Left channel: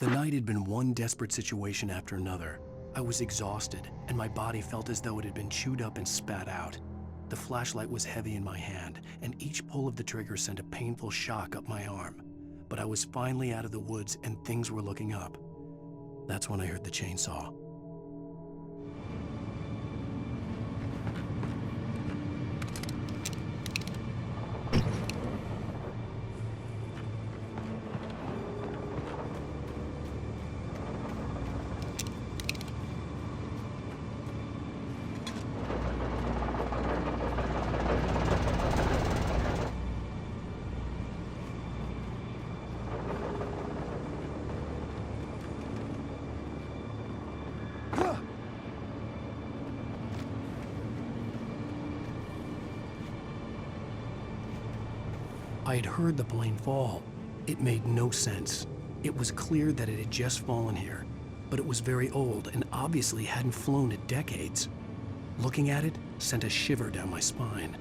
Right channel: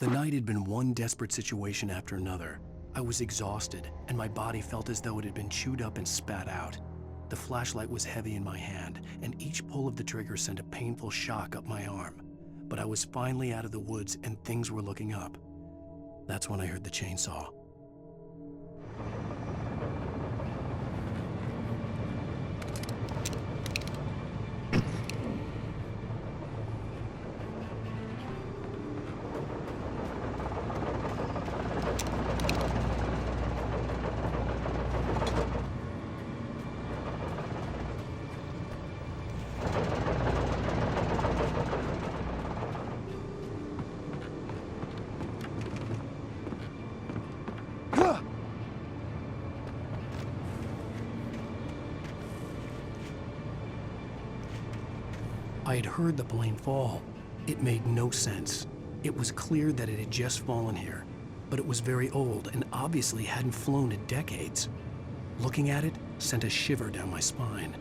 The night had been one desperate situation after another. I was exhausted, and my body felt as though it had been chewed up and spat out. The flashlight was heavy in my hand, and each pull of the trigger sent a painful shock up my arm. But I was finally out of the woods, and things were looking up. That's when I heard the chainsaw. I had heard the plane fall. It made no sense. It was clear that it had just fallen here, but it was very old and obviously hadn't flown in decades. Looking at it sent a shiver down my spine.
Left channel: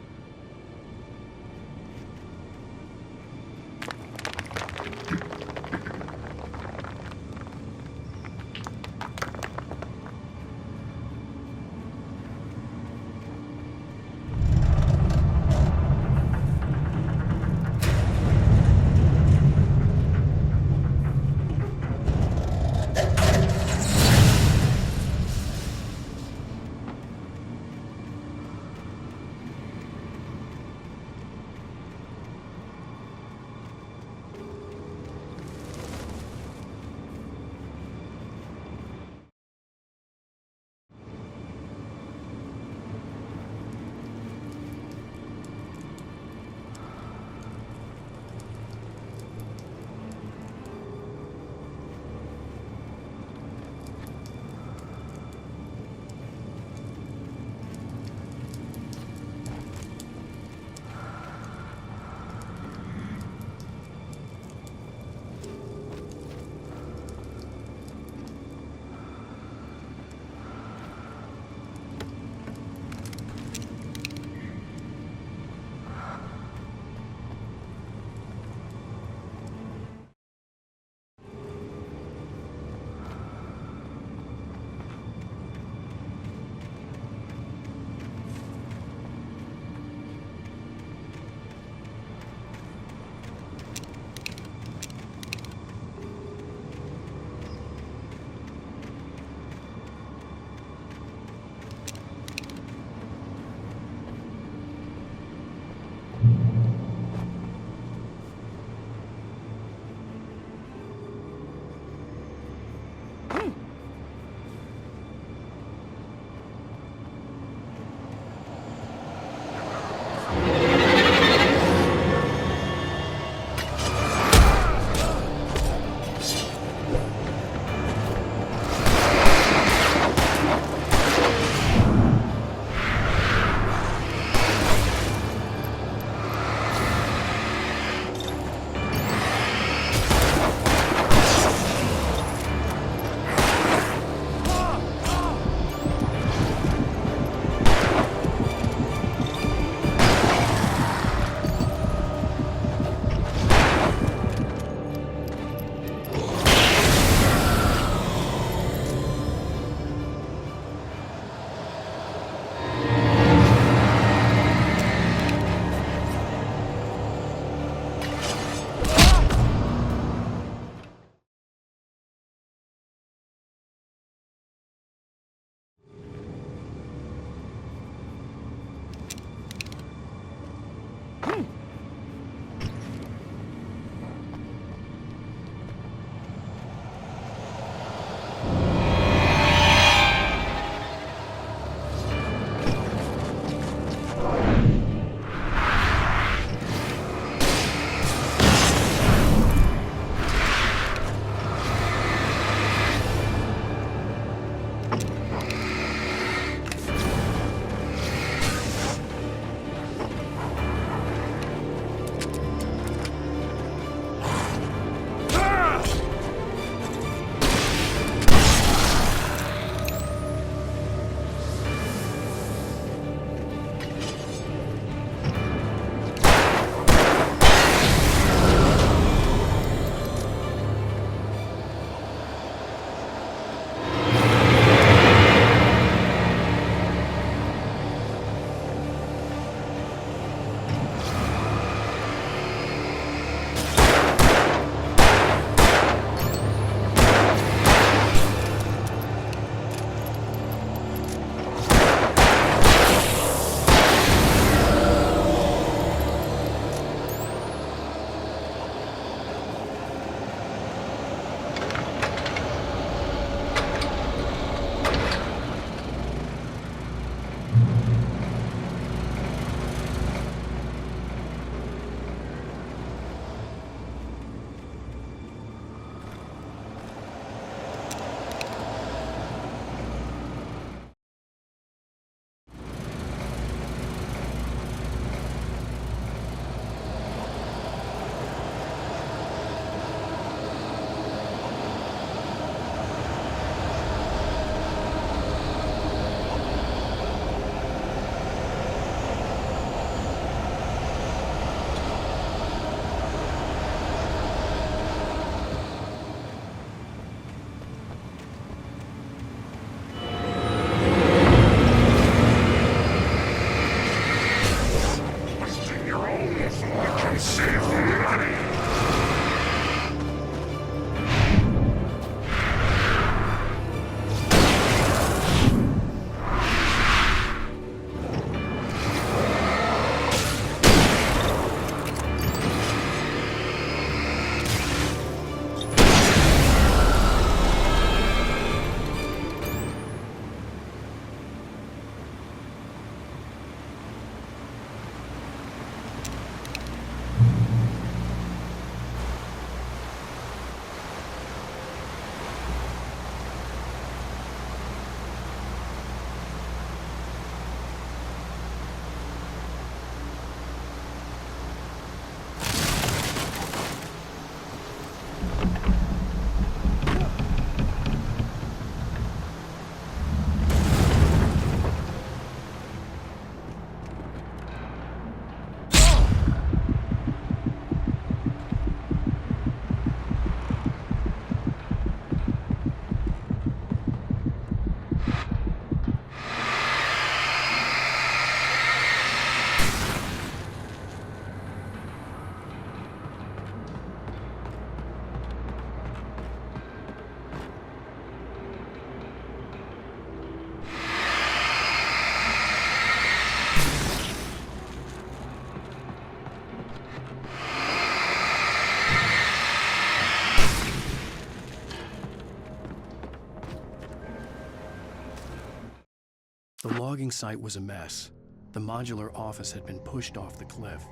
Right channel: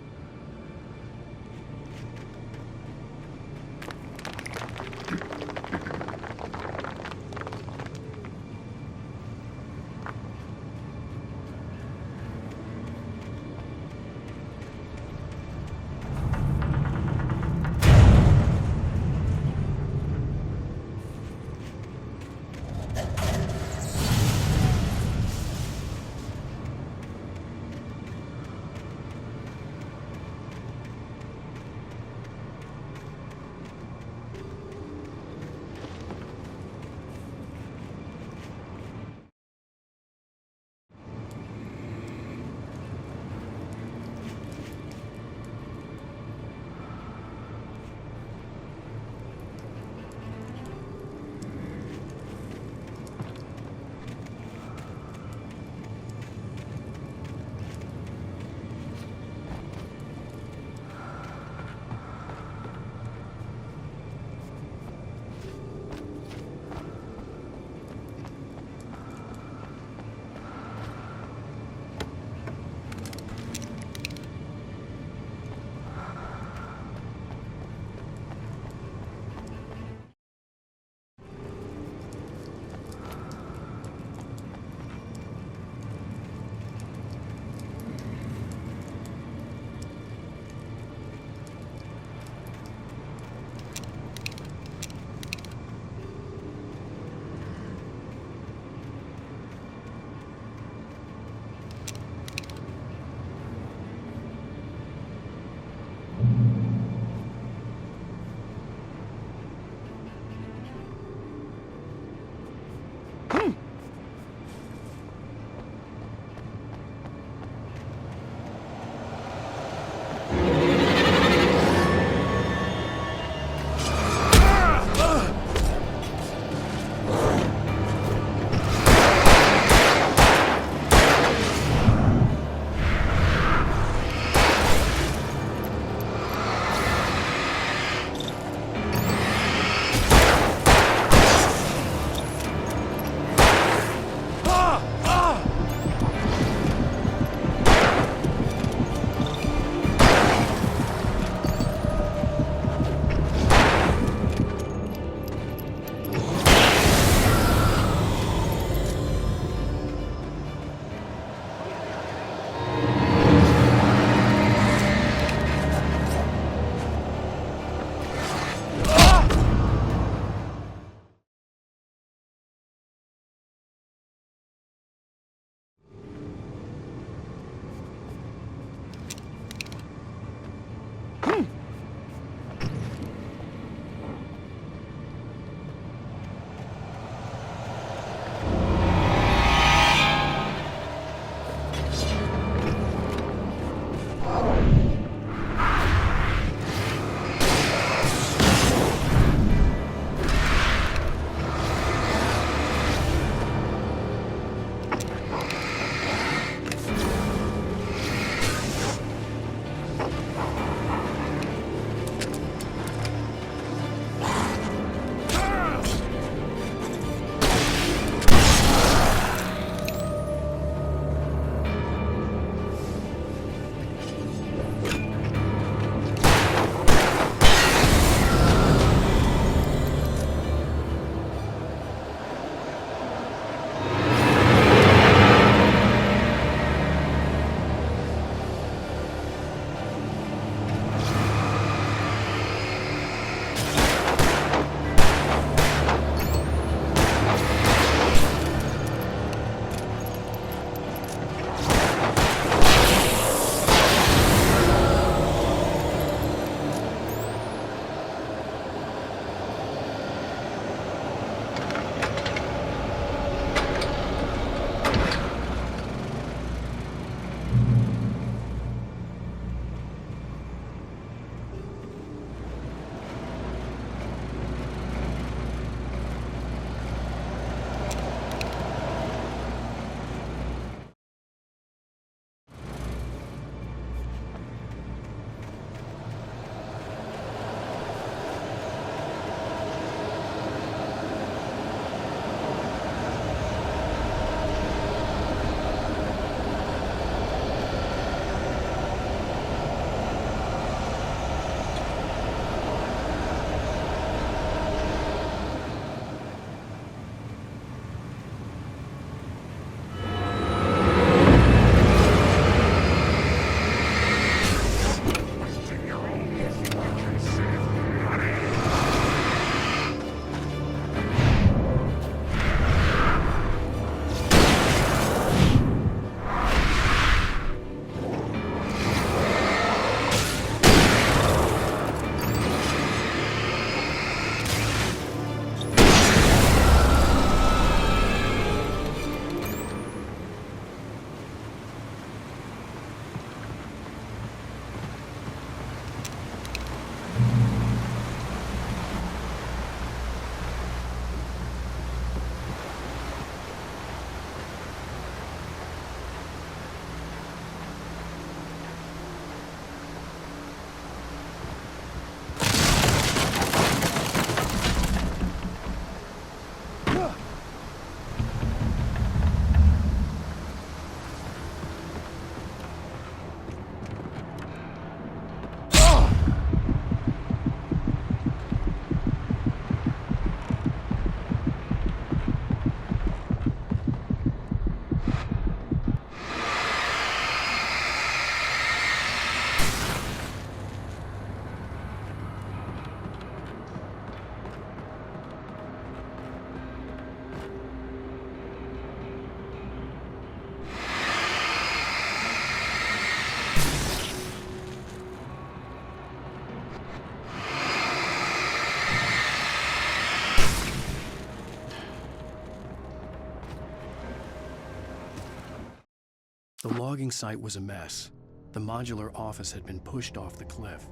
waiting site was a mess. The modular office had been pushed off the cliff.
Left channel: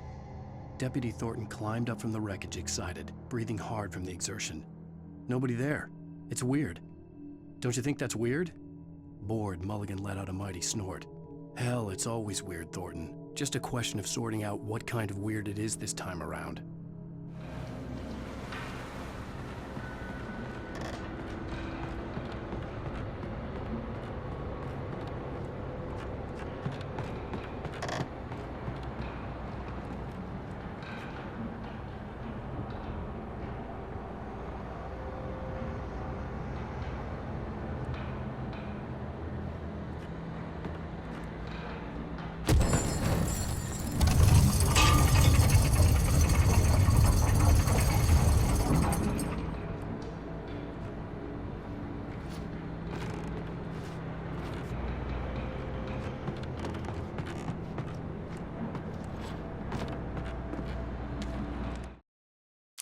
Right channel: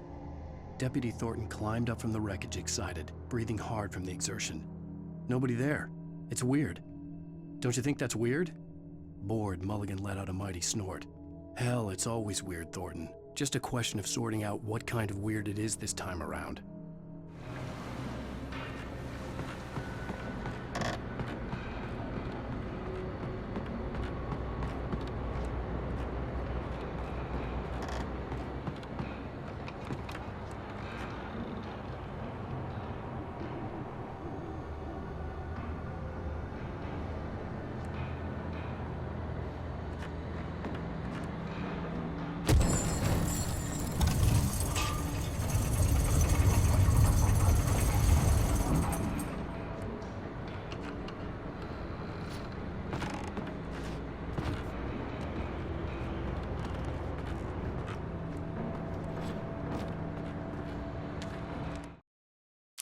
Deputy Thornton climbed up from the wreckage excited, breathing hard from the exertion. Nobody there. It's weird. Don't you think that's weird? Bored, Mulligan let out a mighty snort. Hell, it's always weird, Thornton. Just a question of sorting out what kind of weird it is this time around.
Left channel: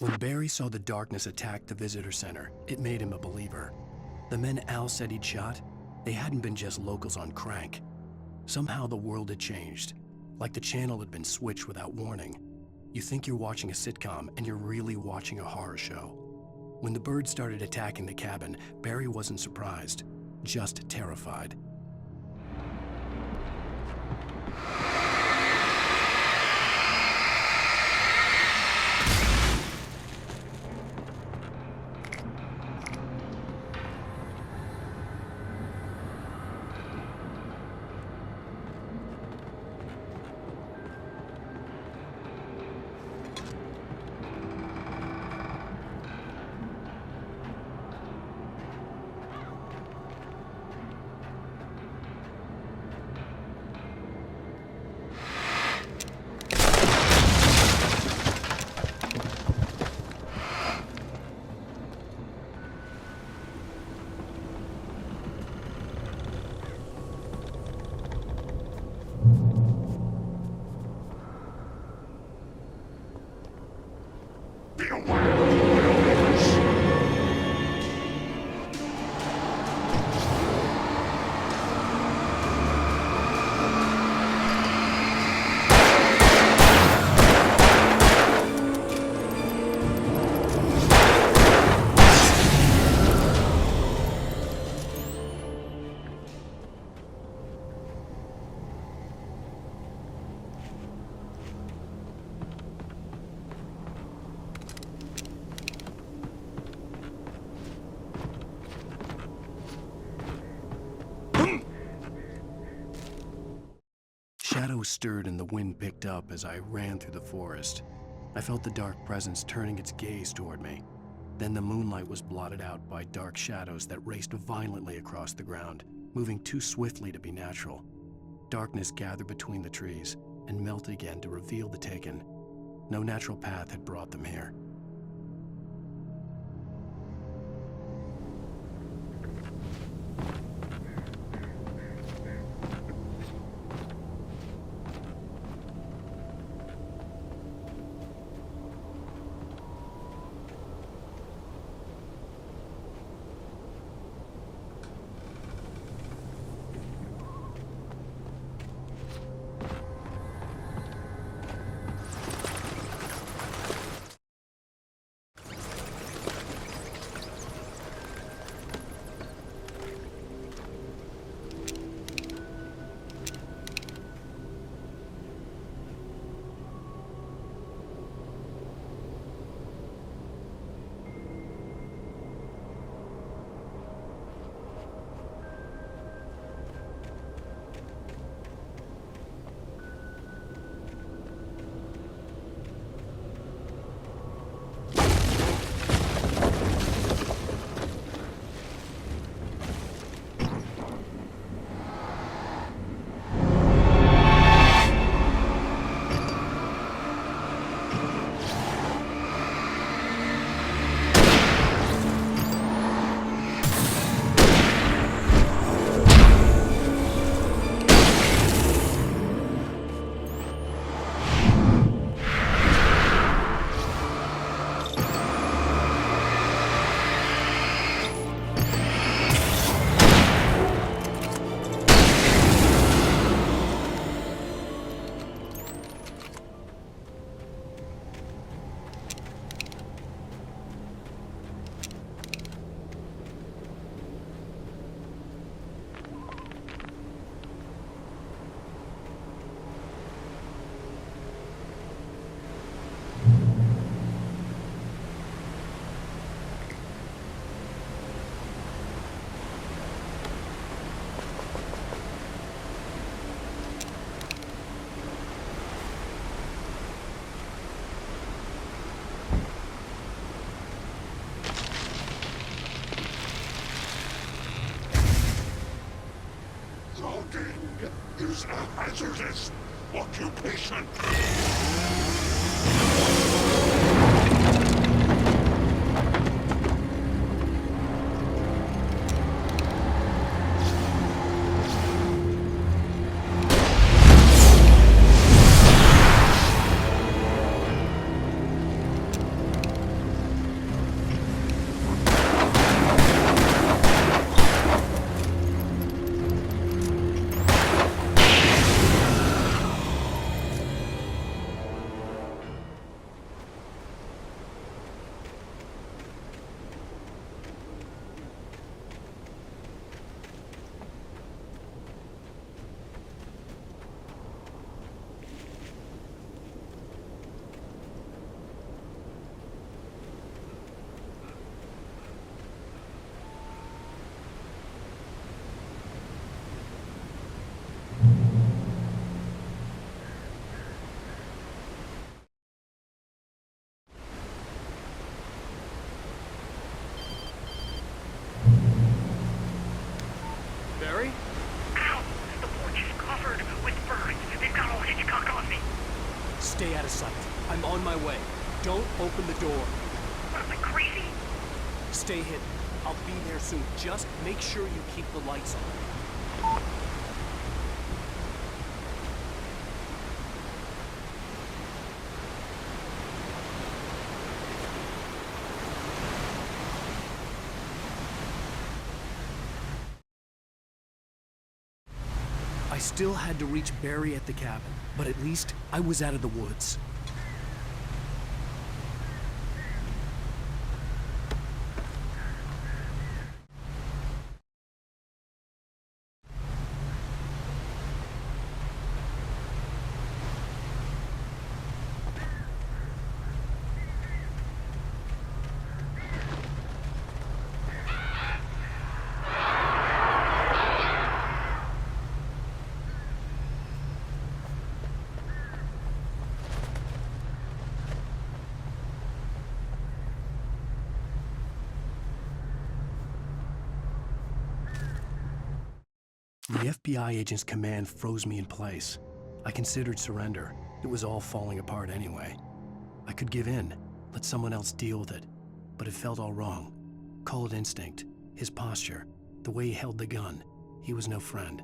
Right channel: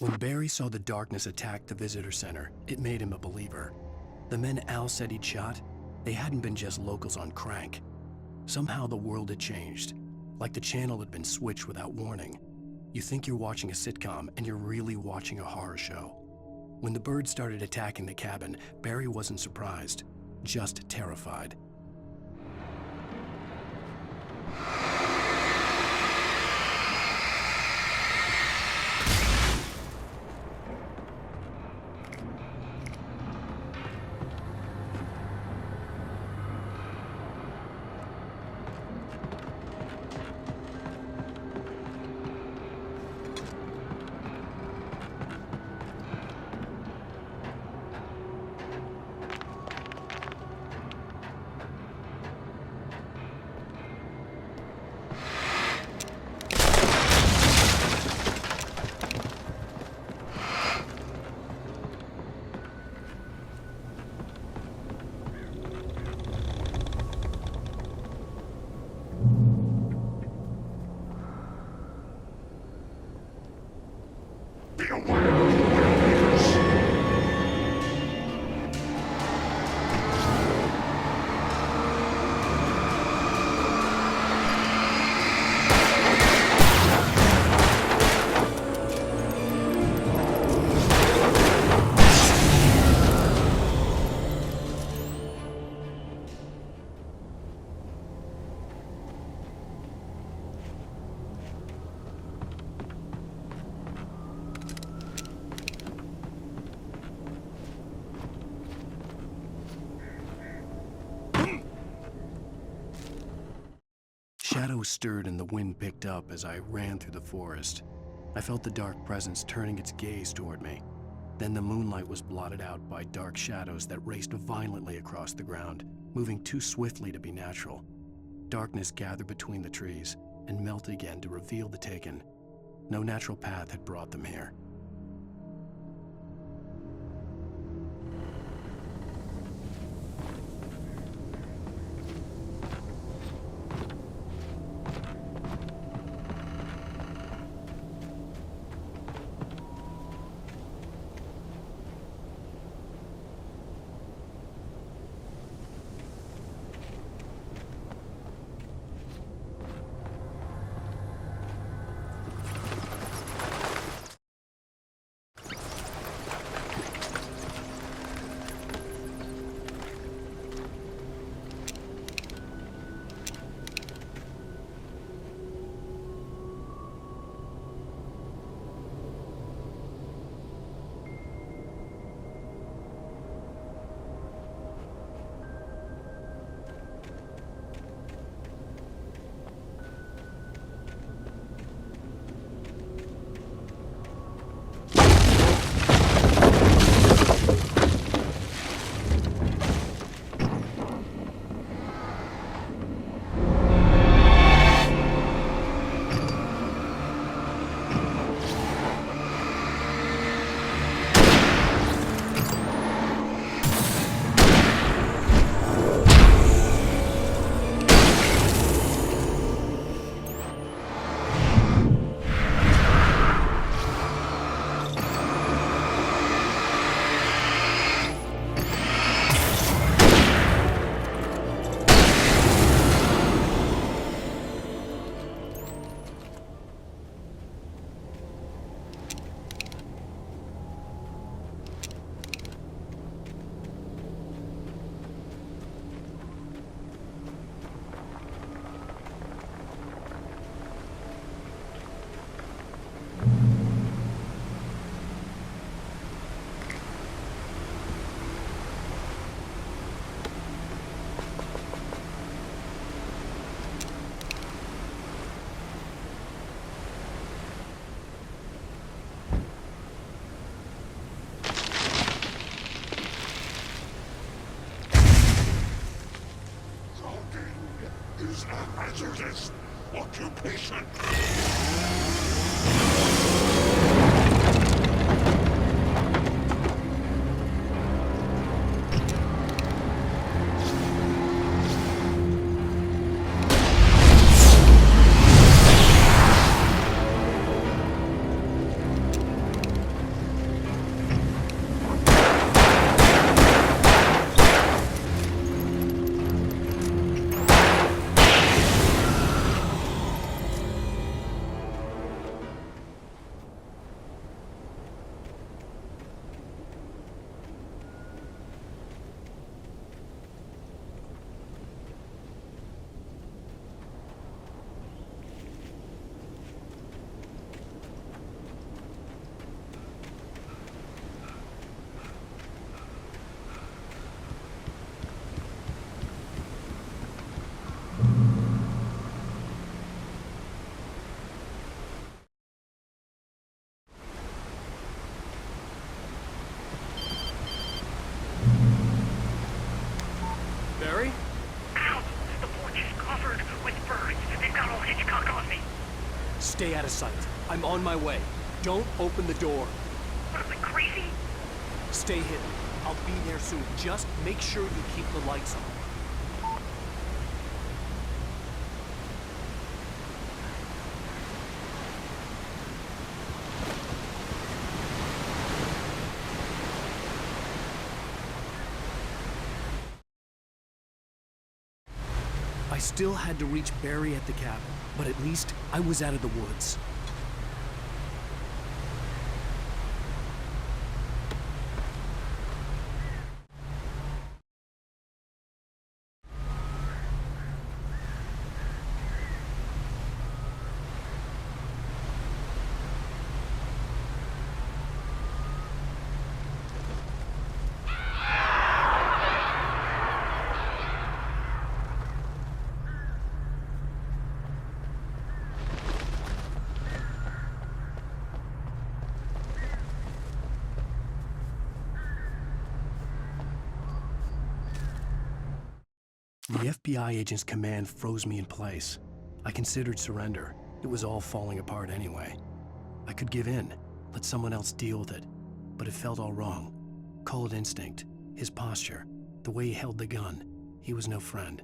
When Barry saw the darkness attack the visitor center, it made him a believer. The men Al said he'd shot, they hadn't been just locals on crank. Somehow the world had changed, like the channel had been switched without warning. You think you're watching a sitcom, and you're really watching a horror show. When the birds started attacking the cabin, Barry wasn't surprised, just terrified. Shadows stirred and the wind picked up as I ran through the forest. I felt the dark presence turning its gaze toward me. Then the moonlight was blotted out by dark shadows that raced violently across the ground, moving too swiftly to be natural. Darkness gathered between the trees and melted again to reveal the Taken. No natural path had brought them here. hazardous occupation. Barry? Ow! The porch is covered with birds. They've got old Hitchcock on me. Stay out of sight. I'm on my way. Don't open the door. What am I, crazy? Stay hidden. I'll be there soon. Just make sure you keep the lights on. I still had to reach Barry at the cabin, but at least I was out of the woods. The FBI agent's command froze me in place. I considered surrender. It was all falling apart anyway. I could give in, let someone else deal with it. But it felt all wrong. Call it instinct, his posture, the way he held the gun. He was no friend.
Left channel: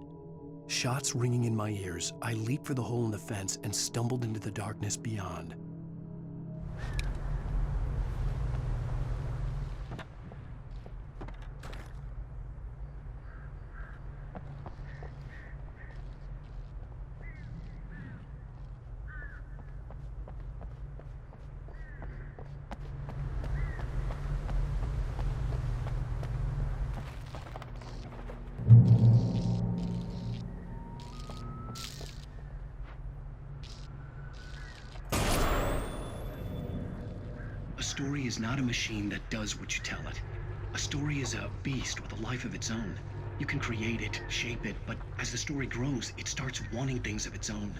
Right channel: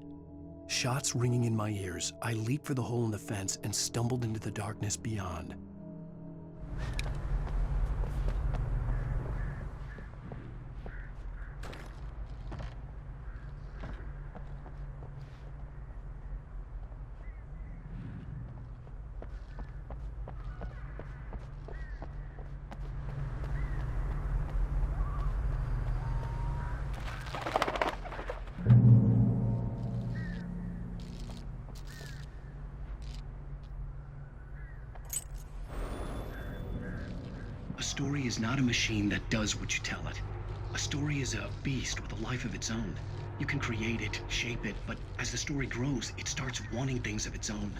Shots ringing in my ears, I leaped for the hole in the fence and stumbled into the darkness beyond. A story is not a machine that does what you tell it. A story is a beast with a life of its own. You can create it, shape it, but as the story grows, it starts wanting things of its own.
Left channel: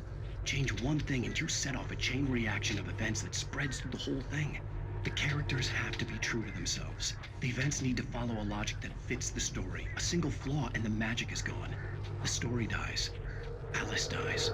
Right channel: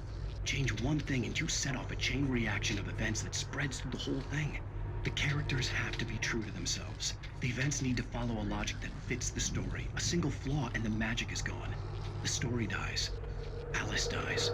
Change one thing and you set off a chain reaction of events that spreads through the whole thing. The characters have to be true to themselves. The events need to follow a logic that fits the story. A single flaw and the magic is gone. The story dies. Alice dies.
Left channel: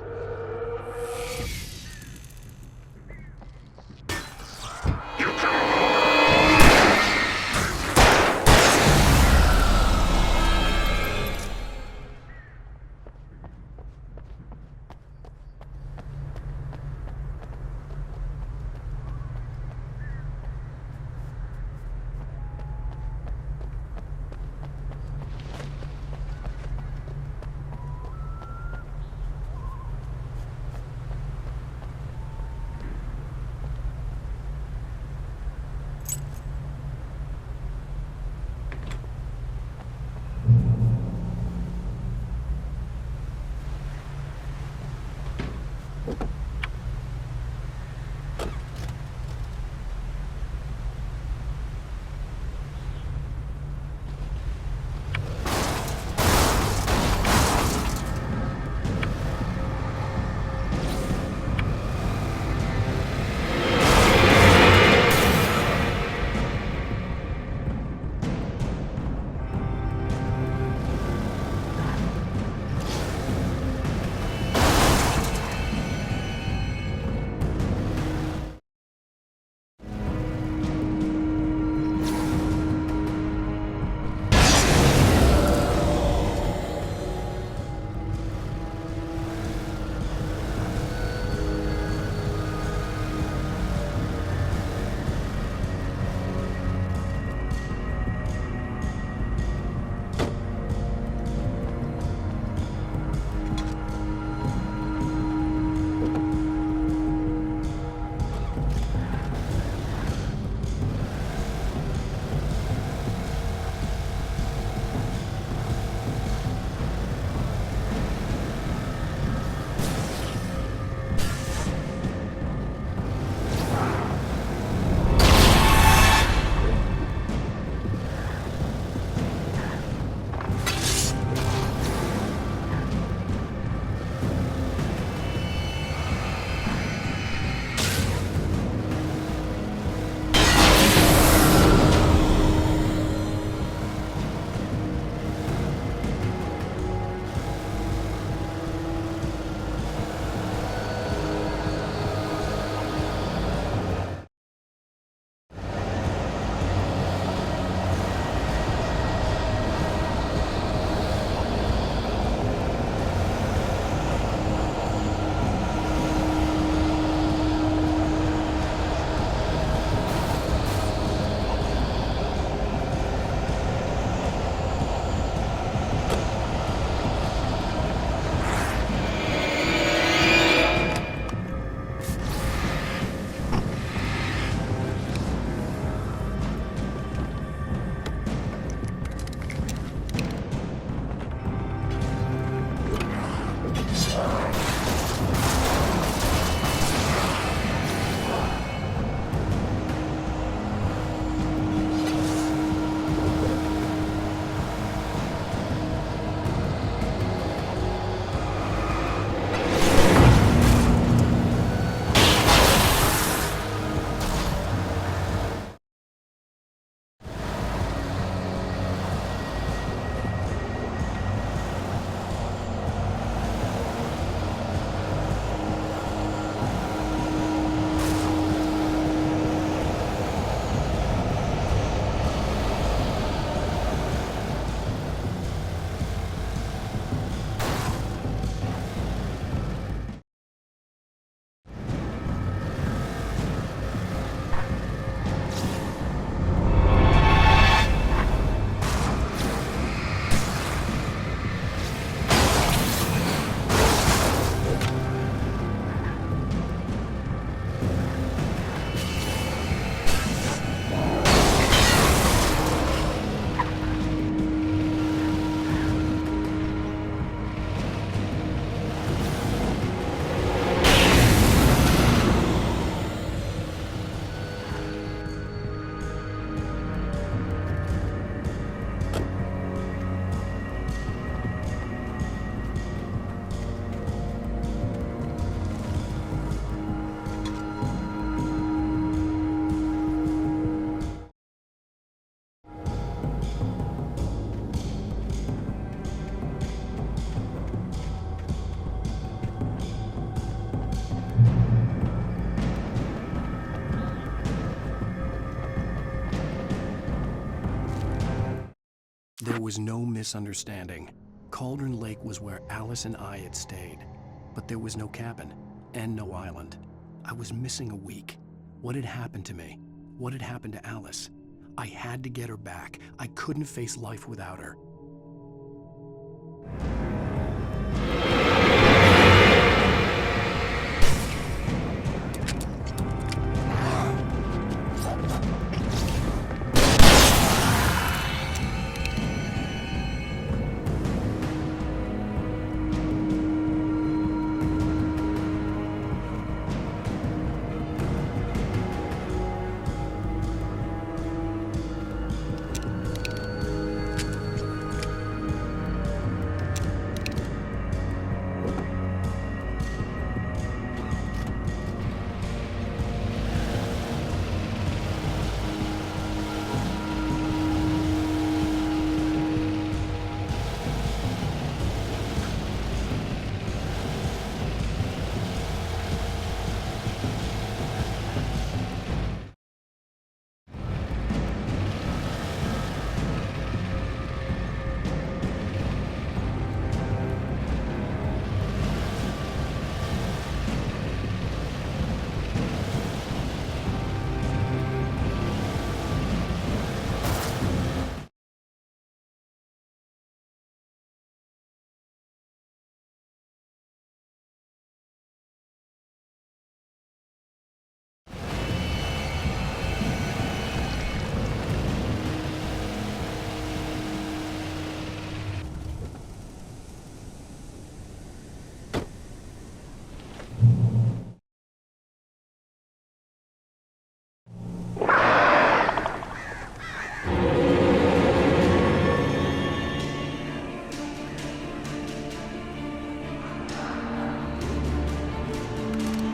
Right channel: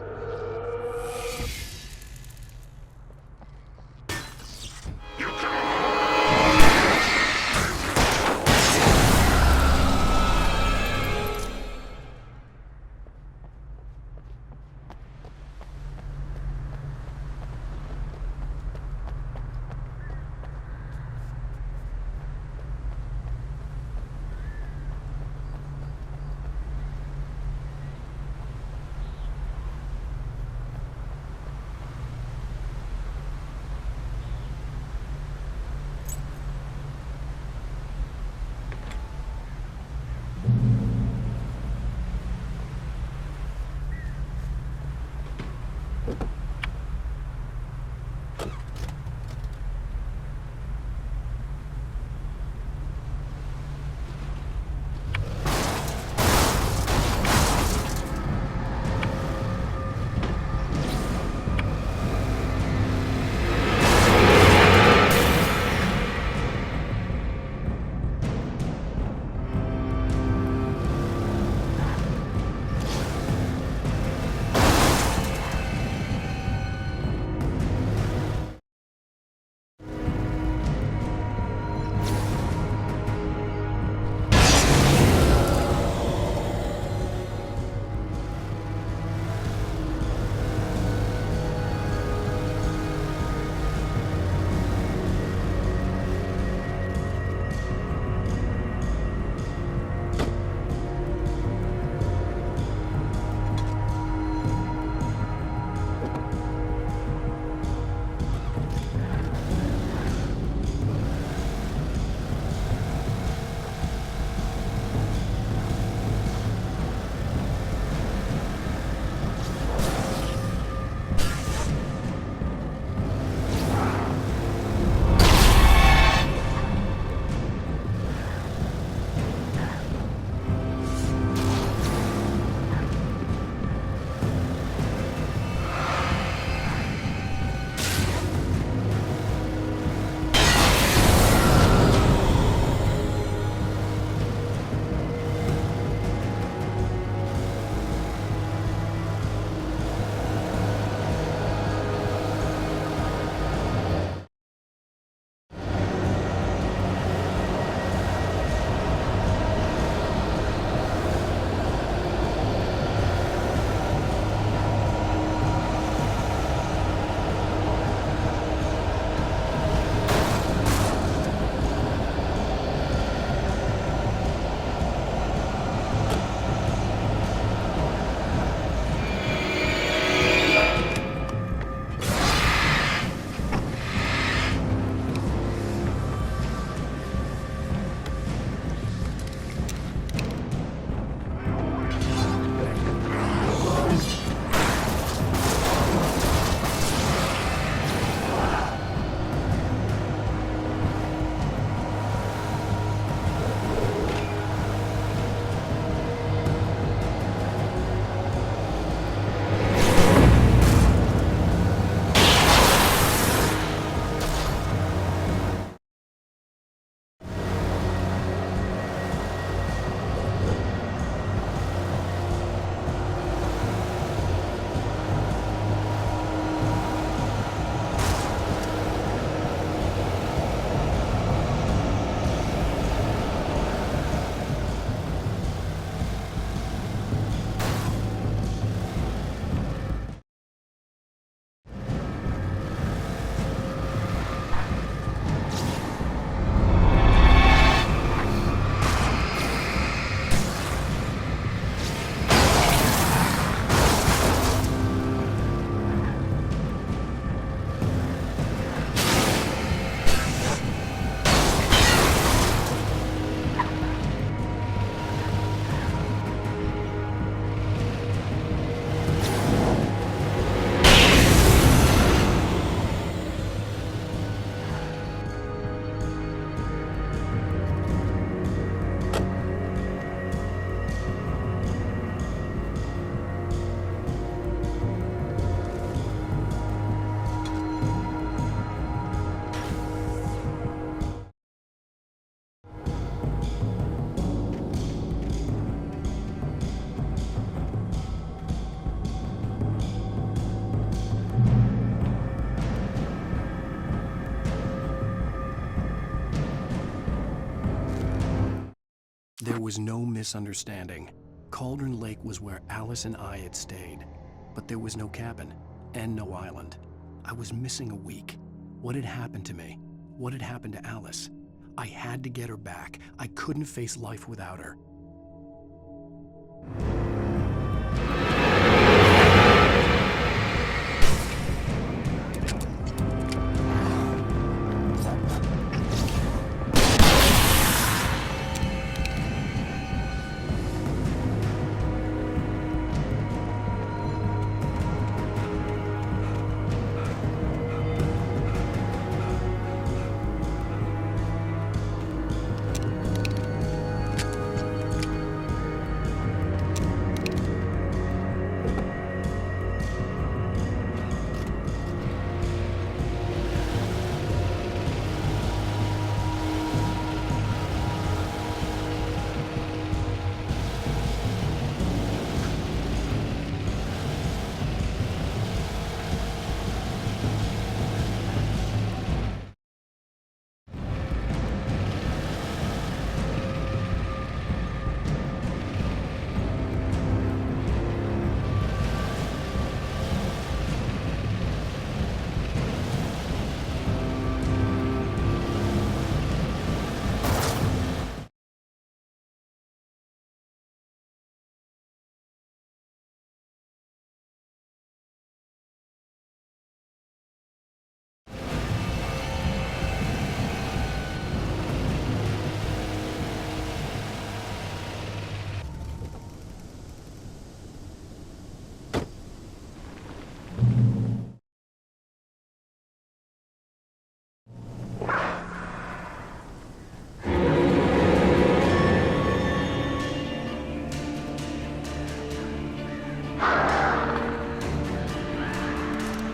There was no misunderstanding. Cauldron Lake was where Alice and I had stayed, but there was no cabin and no island. I was missing a week. What had happened to me? What had happened to Alice? I had to get her back. I couldn't face life without her.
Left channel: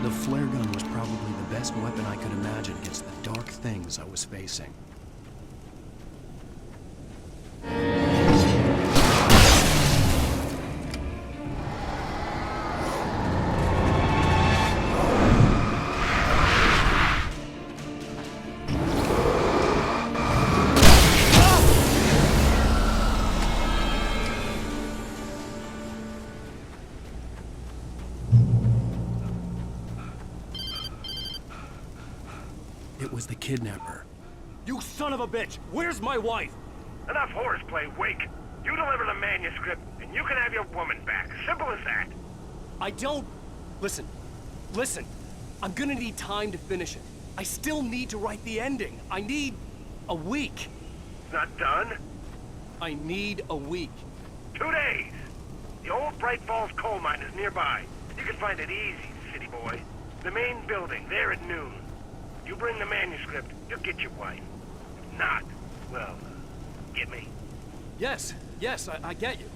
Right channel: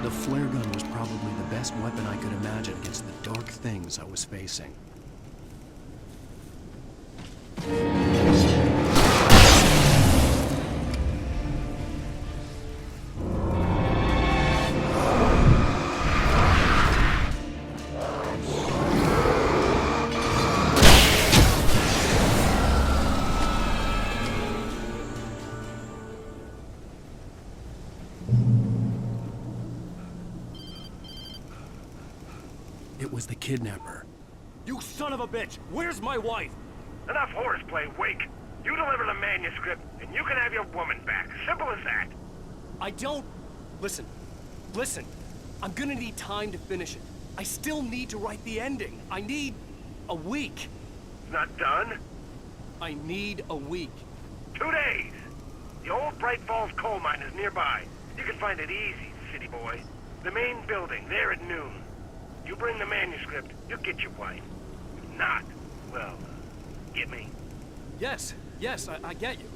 The flare gun was probably the best weapon I could imagine against the dark things I was facing. It was the kidnapper. You son of a bitch! Where's my wife? Enough horseplay, Wake. You deliver the manuscript, and you can have your woman back. Simple as that. I don't... Listen. I'm gonna need time to finish it. I still need to write the ending. I need... a week. It's not done. I need a week. 2 days. The old Bright Falls coal mine is nearby. You can find it easy, city boy. The main building, there at noon. You bring the manuscript, you'll get your wife. If not, well, get me? Yes, I get you.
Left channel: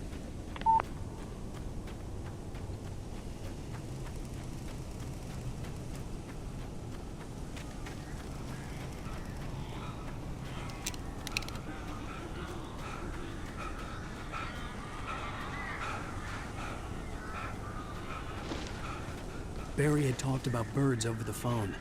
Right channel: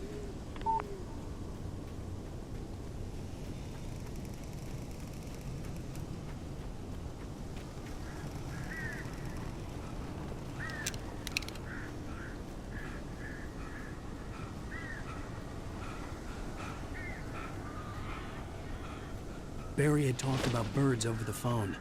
Barry had talked about birds over the phone.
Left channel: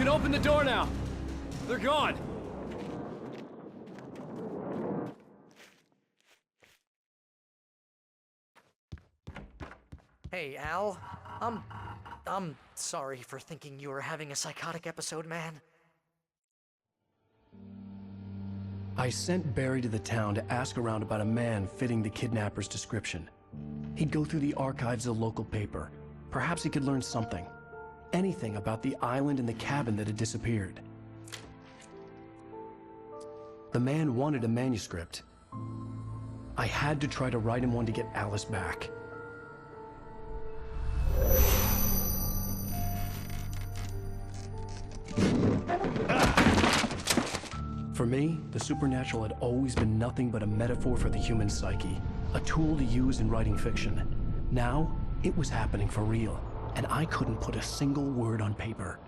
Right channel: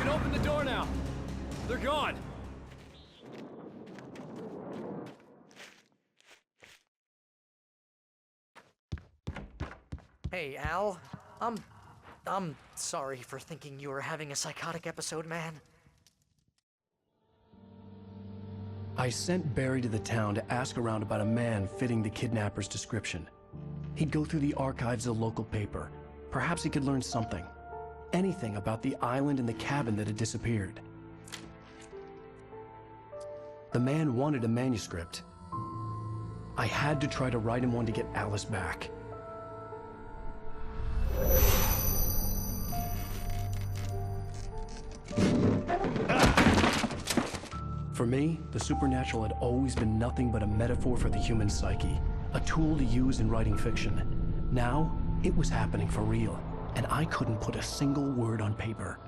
can open the door now. They're gone. Hey, Al. I'm sorry for thinking you were having a psychotic episode, man. I sent Barry to the town to ask around about a man fitting the kidnapper's description. He'd go through the archives of the local paper. Perhaps he could learn something. Anything about the island and the cabin that had disappeared. The man wanted a manuscript. I had to try to write him one to get Alice back. For me, the supernatural had always been nothing but a metaphor for the human psyche, a tool to use in writing fiction. Now, it was happening for real, and I couldn't put a single word on paper.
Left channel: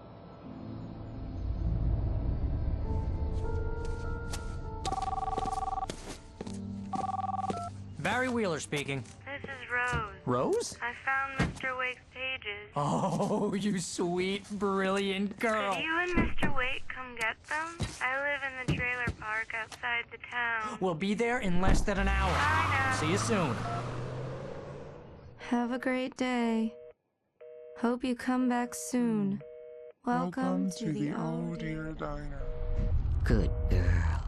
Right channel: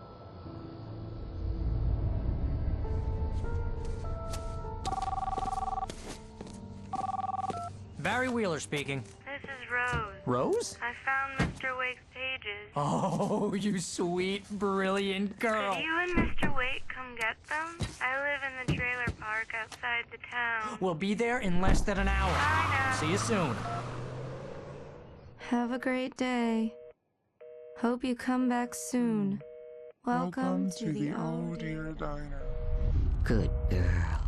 Barry Wheeler speaking. This is Rose. Rose? I found Mr. Wake's pages. Oh, you sweet, brilliant girl. Could you and Mr. Wake come get them? I live in the trailer park outside the town. We'll be there in less than an hour. I know. See you soon. Have a great day. Hope you come back soon. Welcome to the Oh Dear Diner. Good girl.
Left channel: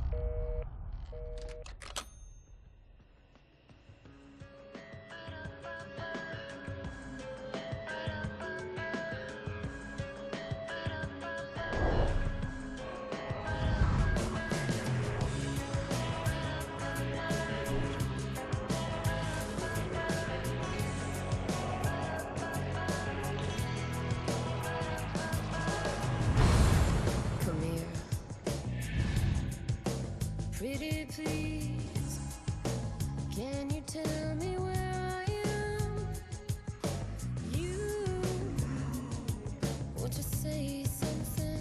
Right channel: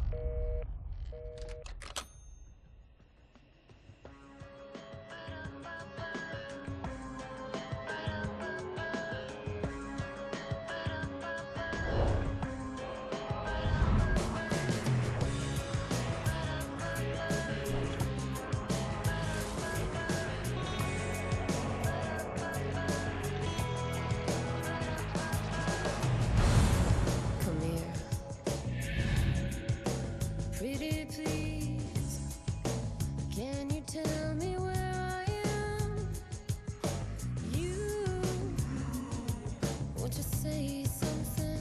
Come here. Pretty please, can you tell me where I am? You want to say something?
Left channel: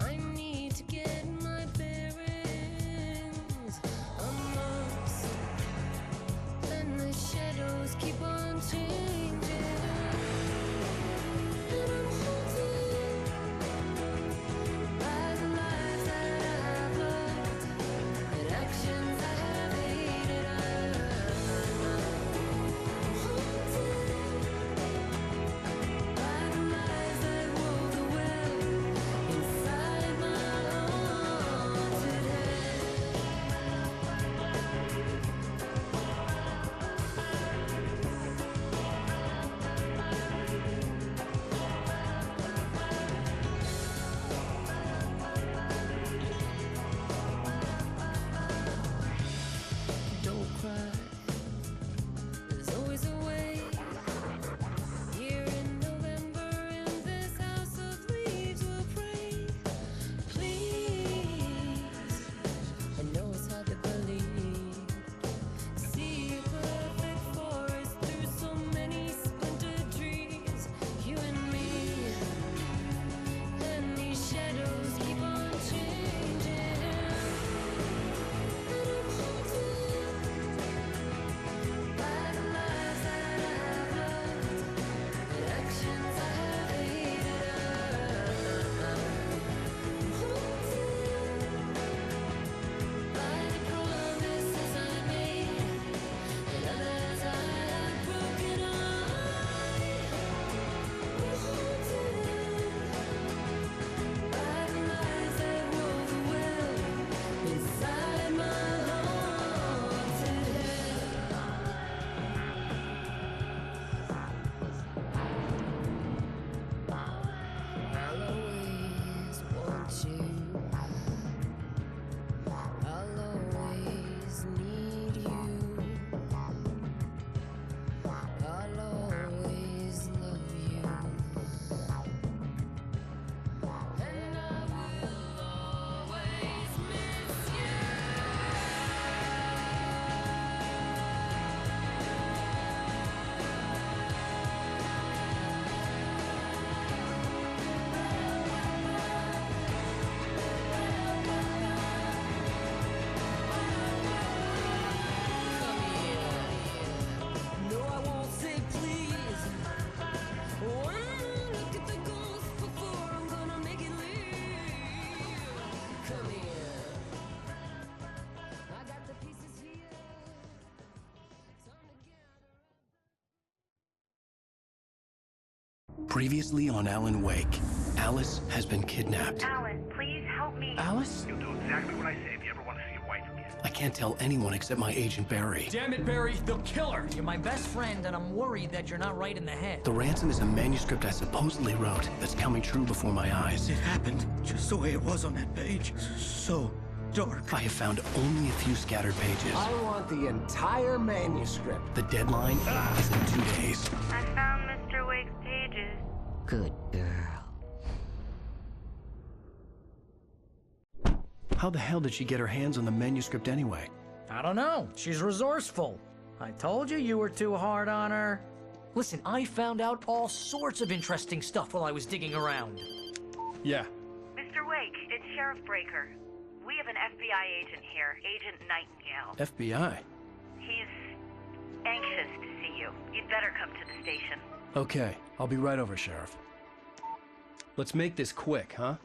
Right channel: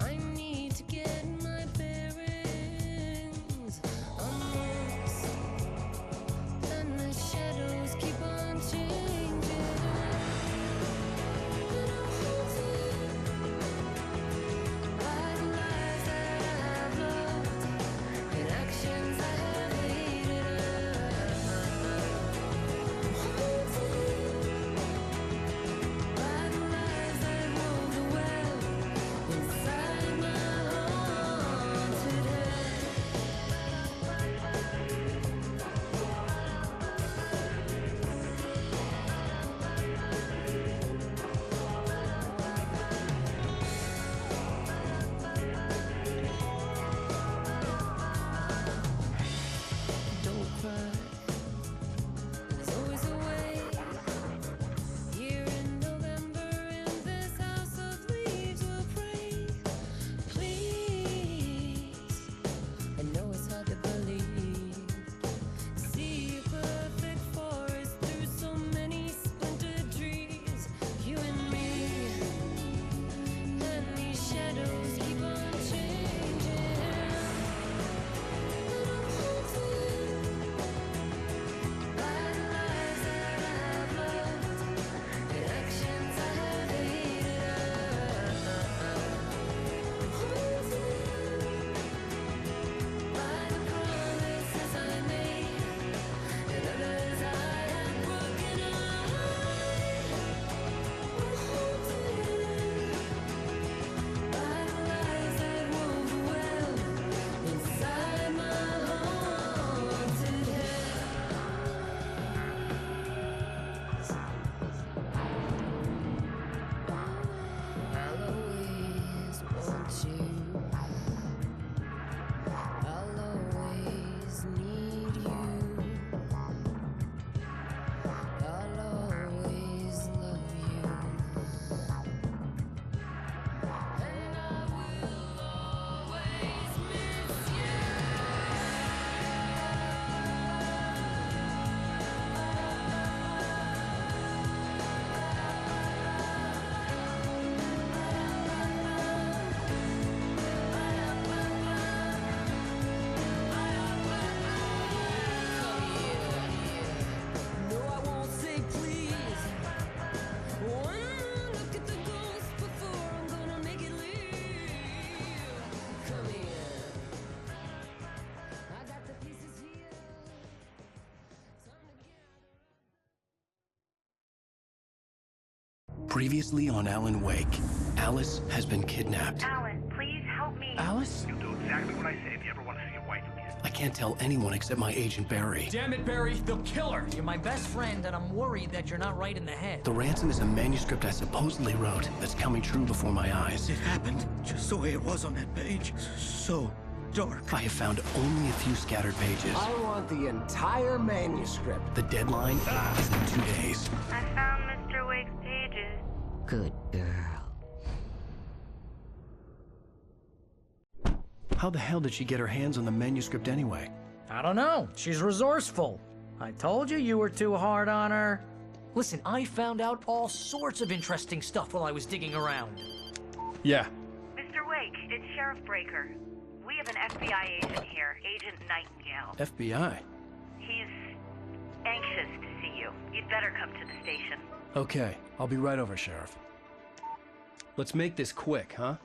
I need to get my bearings amongst, and the shadows keep on changing. And I'm holding by the lives that I've loved. Previously on Alan Wake, Alice has been kidnapped. Alan, please help me. Alice? You'll do exactly what I say if you ever want to see your wife again. I can't tell anyone except my agent Barry. Damn it, Barry, they'll kill her! You're my best friend, and I'm worried that you're not right in the head. The ransom is a manuscript I supposedly wrote that's coming true before my eyes. It happened just the way it was on that page. So dark. I have found only a few scattered pages. I want the entire manuscript. The deadline is in 2 days. I found Mr. Wake's pages. Good girl. How the hell did she get her hands on the manuscript anyway? I don't know. She's resourceful. I told you were too hard on her. Listen, I found out all sorts of interesting stuff while I was digging around. Yeah. Mr. Wake, it's Sheriff Breaker. We have an FBI agent here, Agent Nightingale. FBI? He's anxious to see you. You'd better come to the station. Okay, I'll be right over, Sheriff. Let's make this quick, huh?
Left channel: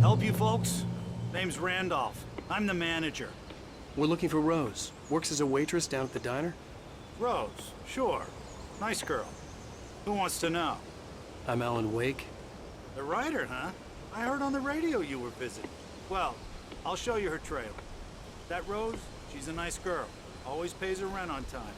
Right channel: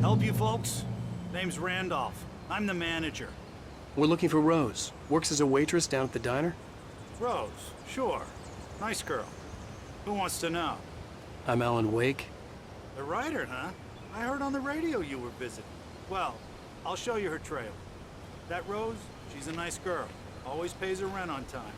Help you folks? Name's Randolph. I'm the manager. We're looking for Rose. Works as a waitress down at the diner. Rose, sure. Nice girl. Who wants to know? I'm Alan Wake. The writer, huh? I heard on the radio you were visiting. Well, I'll show you her trailer. That Rose, she's a nice girl. Always pays her rent on time.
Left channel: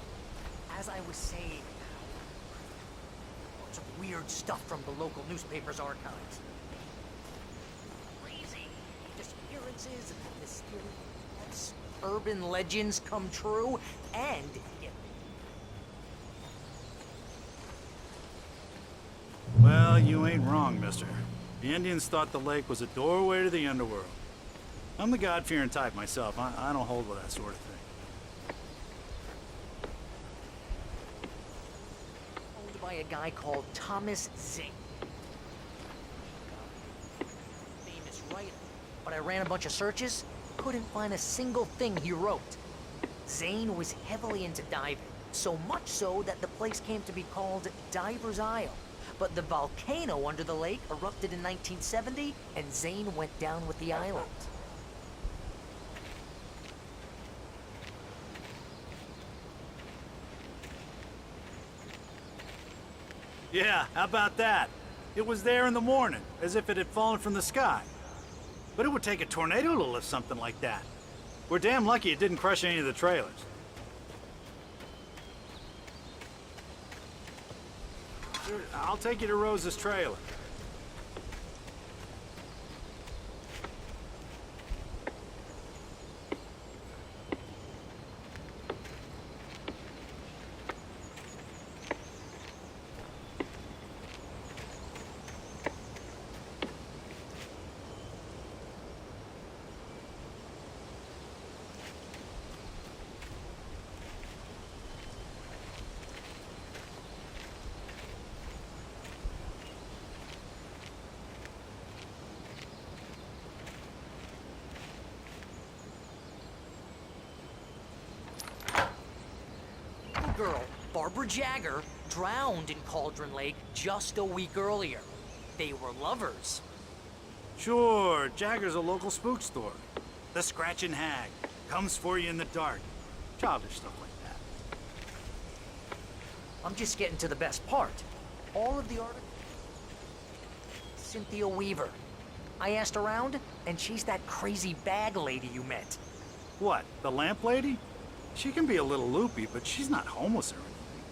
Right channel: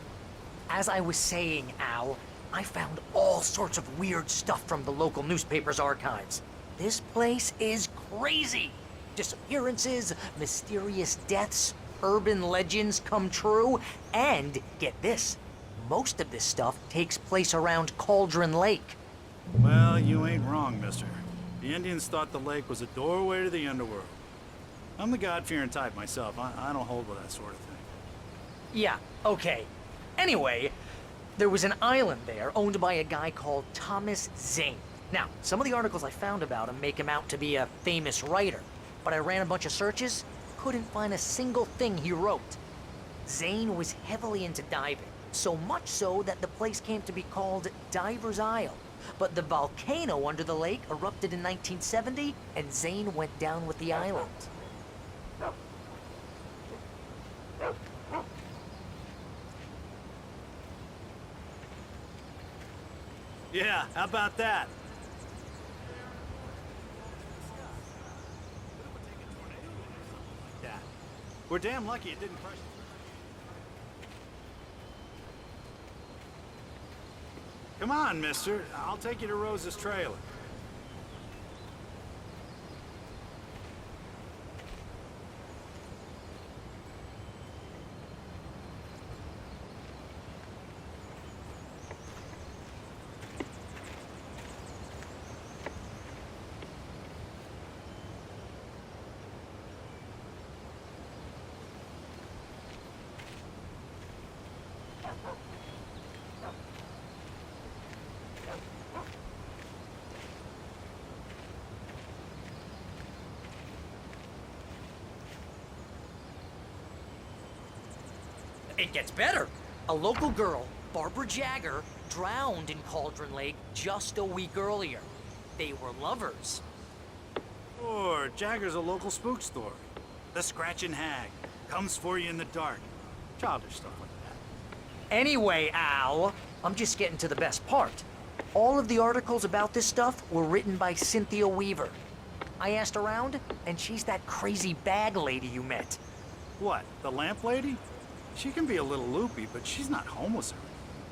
As I was saying, Al, I found all sorts of weird stuff from the local newspaper's archives. This place is crazy. Disappearances, mysterious deaths, urban legends come true, and get this, most of this stuff takes place around Cauldron Lake. Well, you ain't wrong, mister. The Indians thought the lake was a doorway to the underworld. I'm the God-fearing type myself. I don't hold with that sort of thing. Yeah, okay. Anyway, there was an island there owned by a guy called Thomas Zane. Now, some of the articles I found about him make him out to be a famous writer, but I ran a bunch of searches, couldn't find a single thing he wrote. Zane was heavily into diving, so much so that the place came to be called Diver's Isle. But the volcano under the lake erupted in 1970, and Zane went down with the island. Yeah, how about that? It was there in the morning, as if it had fallen from the sky. But it would take a tornado to lift something like that. We're damn lucky it didn't crush any of the trailers. Come on, mister. I'll take you to Rose's trailer. It gets better. A local girl, Barbara Jagger, drowned in Cauldron Lake just a week earlier. They were lovers. Sure, Jagger's a local spook story. The Scratching Hag comes for you in the dark. Childish stuff like that. Anyway, Al, I'm just getting to the best part. All of the articles about this stuff were written by Cynthia Weaver. I asked around, and she's that crazy bag lady you met. What, the lamp lady? She can be a little loopy, but she's not homeless or anything.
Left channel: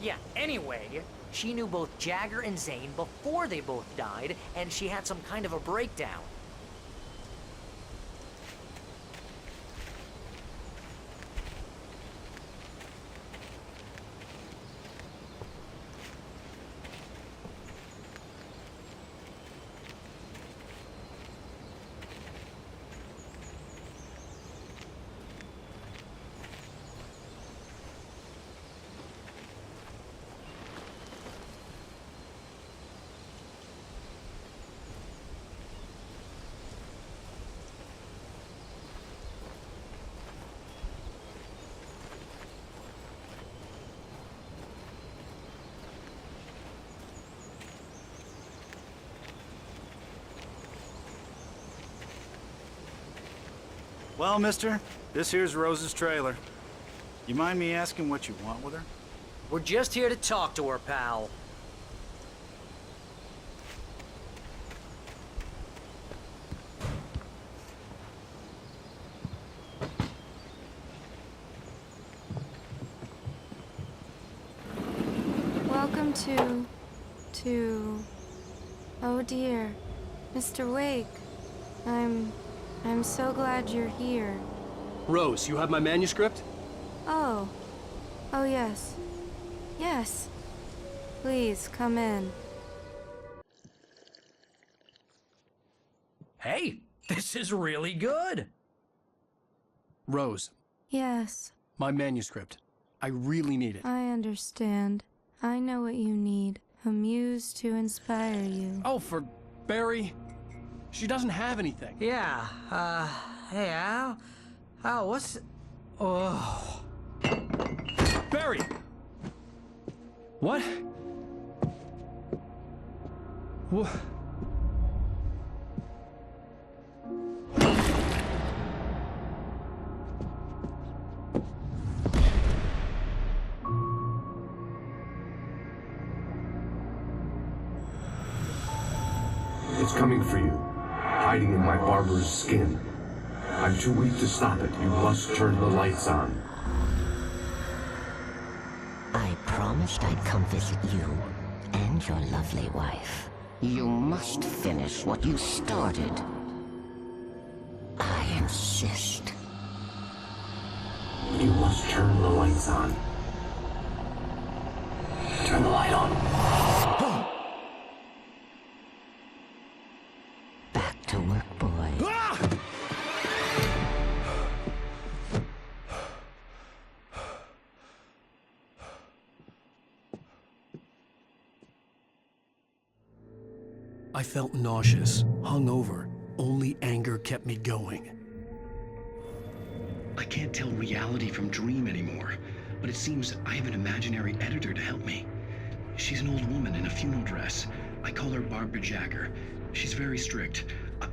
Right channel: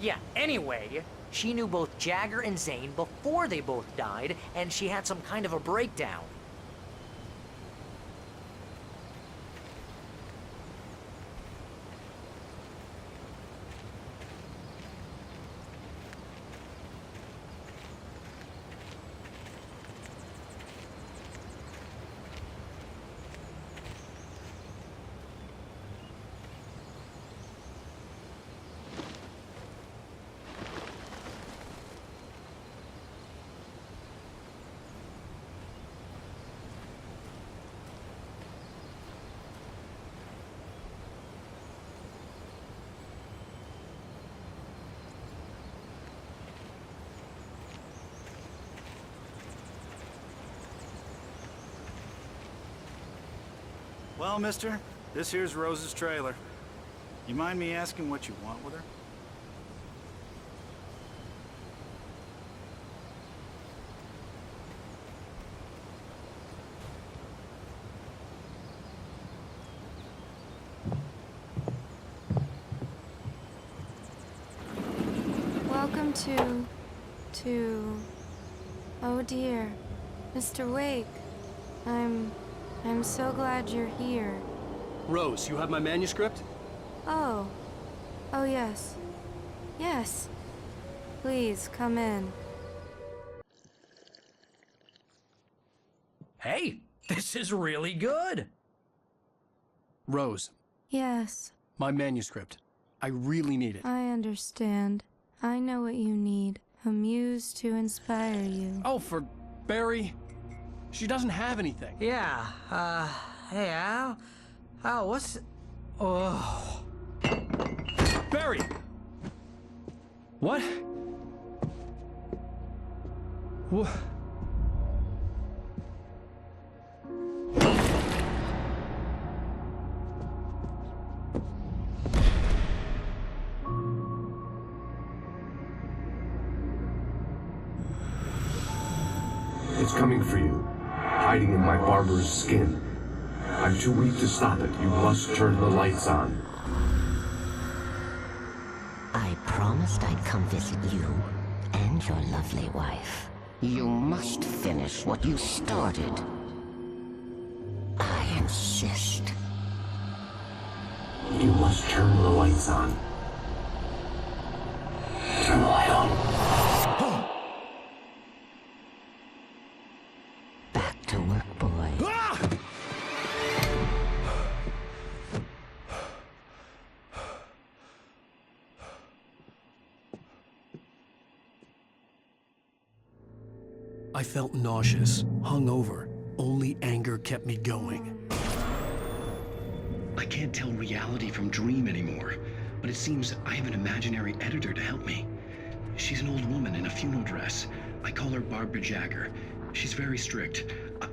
Yeah, anyway, she knew both Jagger and Zane before they both died, and she had some kind of a breakdown. Well, mister, this here's Rose's trailer. You mind me asking what you want with her? We're just here to talk to her, pal. Welcome to... Oh dear, Mr. Wake. I'm so glad you're here. Rose, you have my manuscript? Oh. Oh yes. Yes. Please, come in. Hey, this is really good. Rose, Yes, my manuscript. I really need it. I understand. I know what you need. A muse to inspire you. Oh, for Barry? She doesn't have anything. Yeah, hey, Al, what's... Oh... Barry! What? What? It's coming for you, hiding in my barber's skin. I'm too weak to stop it. You must turn the lights on. I promised I'd come visit you and your lovely wife. You must finish what you started. I insist. You must turn the lights on. Turn the light on. Back to work, boy. I felt nauseous, hungover. Only anger kept me going. I can't tell reality from dream anymore, but it seems I have an imaginary editor to help me. She's an old woman in a funeral dress. I call her Barbara Jagger. She's very strict.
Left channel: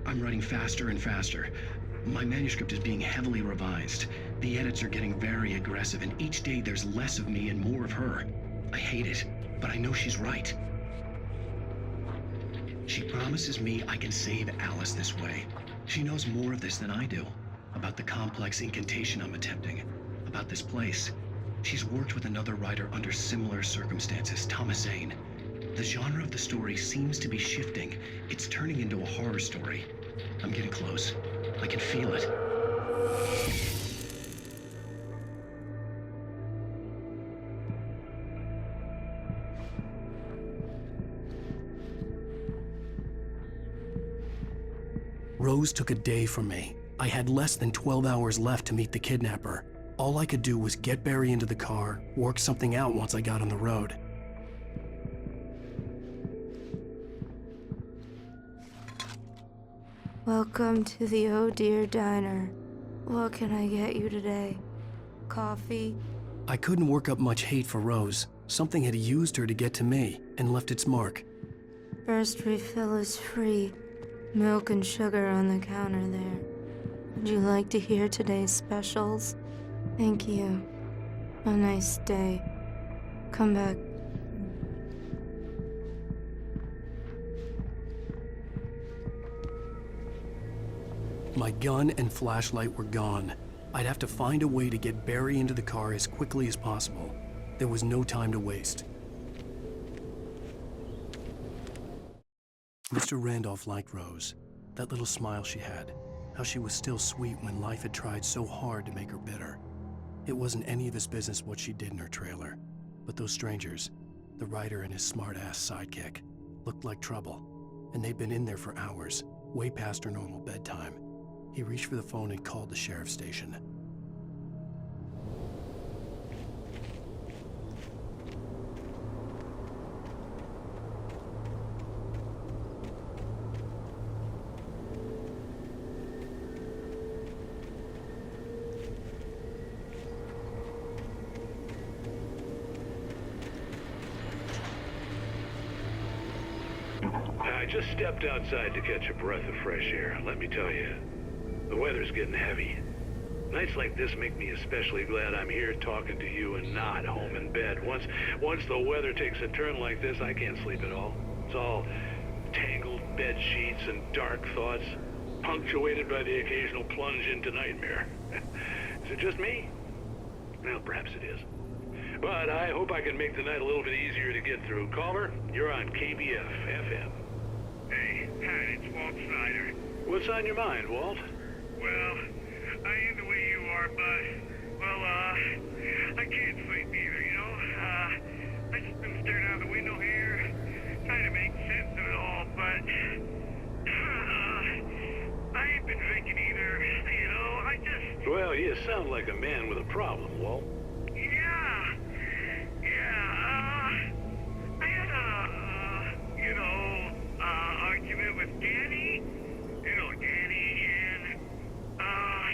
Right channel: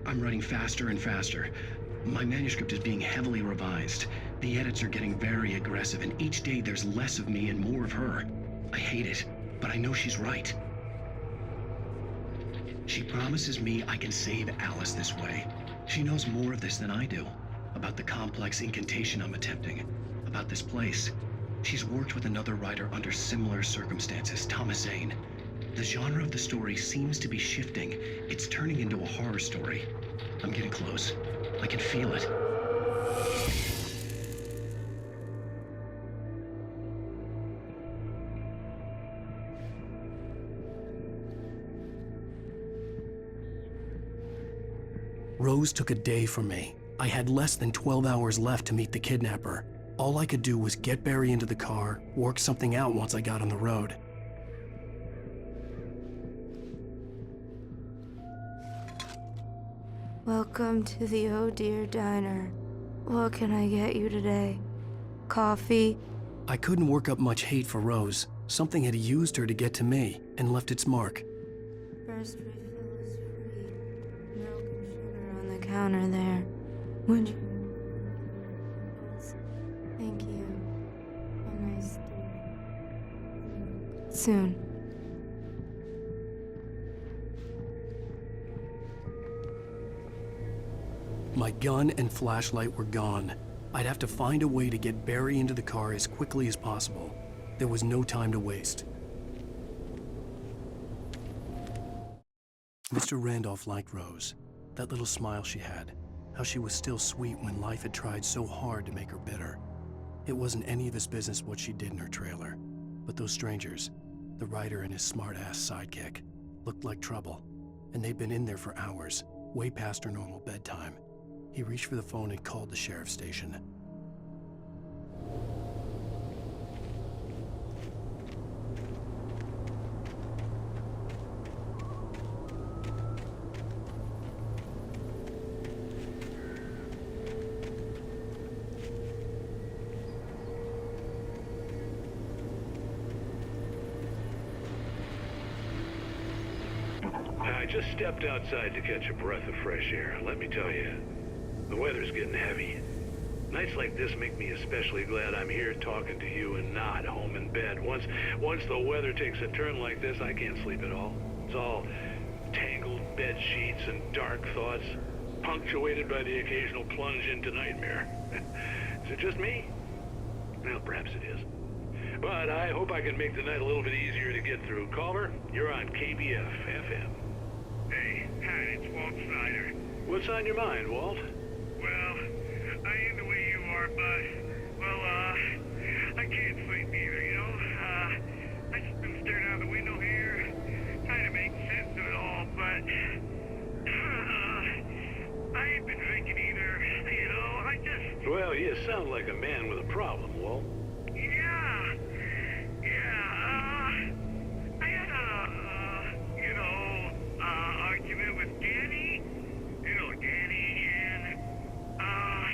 I'm writing faster and faster. My manuscript is being heavily revised. The edits are getting very aggressive, and each day there's less of me and more of her. I hate it, but I know she's right. She promises me I can save Alice this way. She knows more of this than I do. About the complex incantation I'm attempting. About this place. She's worked with another writer under similar circumstances, Thomas Zane. The genre of the story seems to be shifting. It's turning into a horror story. I'm getting close. I can feel it. Rose took a day from me. I had less than 12 hours left to meet the kidnapper. All I could do was get Barry into the car, work something out once I got on the road. Welcome to the Oh Dear Diner. What can I get you today? Coffee? I couldn't work up much hate for Rose. Something had used her to get to me and left its mark. First refill is free. Milk and sugar on the counter there. Would you like to hear today's specials? Thank you. A nice day. Come back soon. My gun and flashlight were gone. I'd have to find a way to get Barry into the car as quickly as possible. There was no time to waste. Mr. Randolph liked Rose. That little smile she had. How she was still sweet when life had tried so hard to make her bitter. It wasn't any of his business what she did in her trailer. But those strangers, the writer and his smart-ass sidekick, looked like trouble. And they'd been in there for hours, way past her normal bedtime. He reached for the phone and called the sheriff's station. I just stepped outside to catch a breath of fresh air. Let me tell you, the weather's getting heavy. Nights like this make me especially glad I'm here talking to you and not home in bed. Once the weather takes a turn like this, I can't sleep at all. It's all tangled bed sheets and dark thoughts, punctuated by the occasional plunge into nightmare. Is it just me? Well, perhaps it is. But I hope I can make the night a little bit easier to get through. Caller, you're on KBF FM. Hey, Pat, it's Walt Snyder. What's on your mind, Walt? Well, I ain't the way you are, but, well, I can't sleep either, you know? I just been staring out the window here, trying to make sense of it all, but, I ain't been thinking either, you know? I just... Well, you sound like a man with a problem, Walt. I had a, argument with Danny. You know, Danny, and,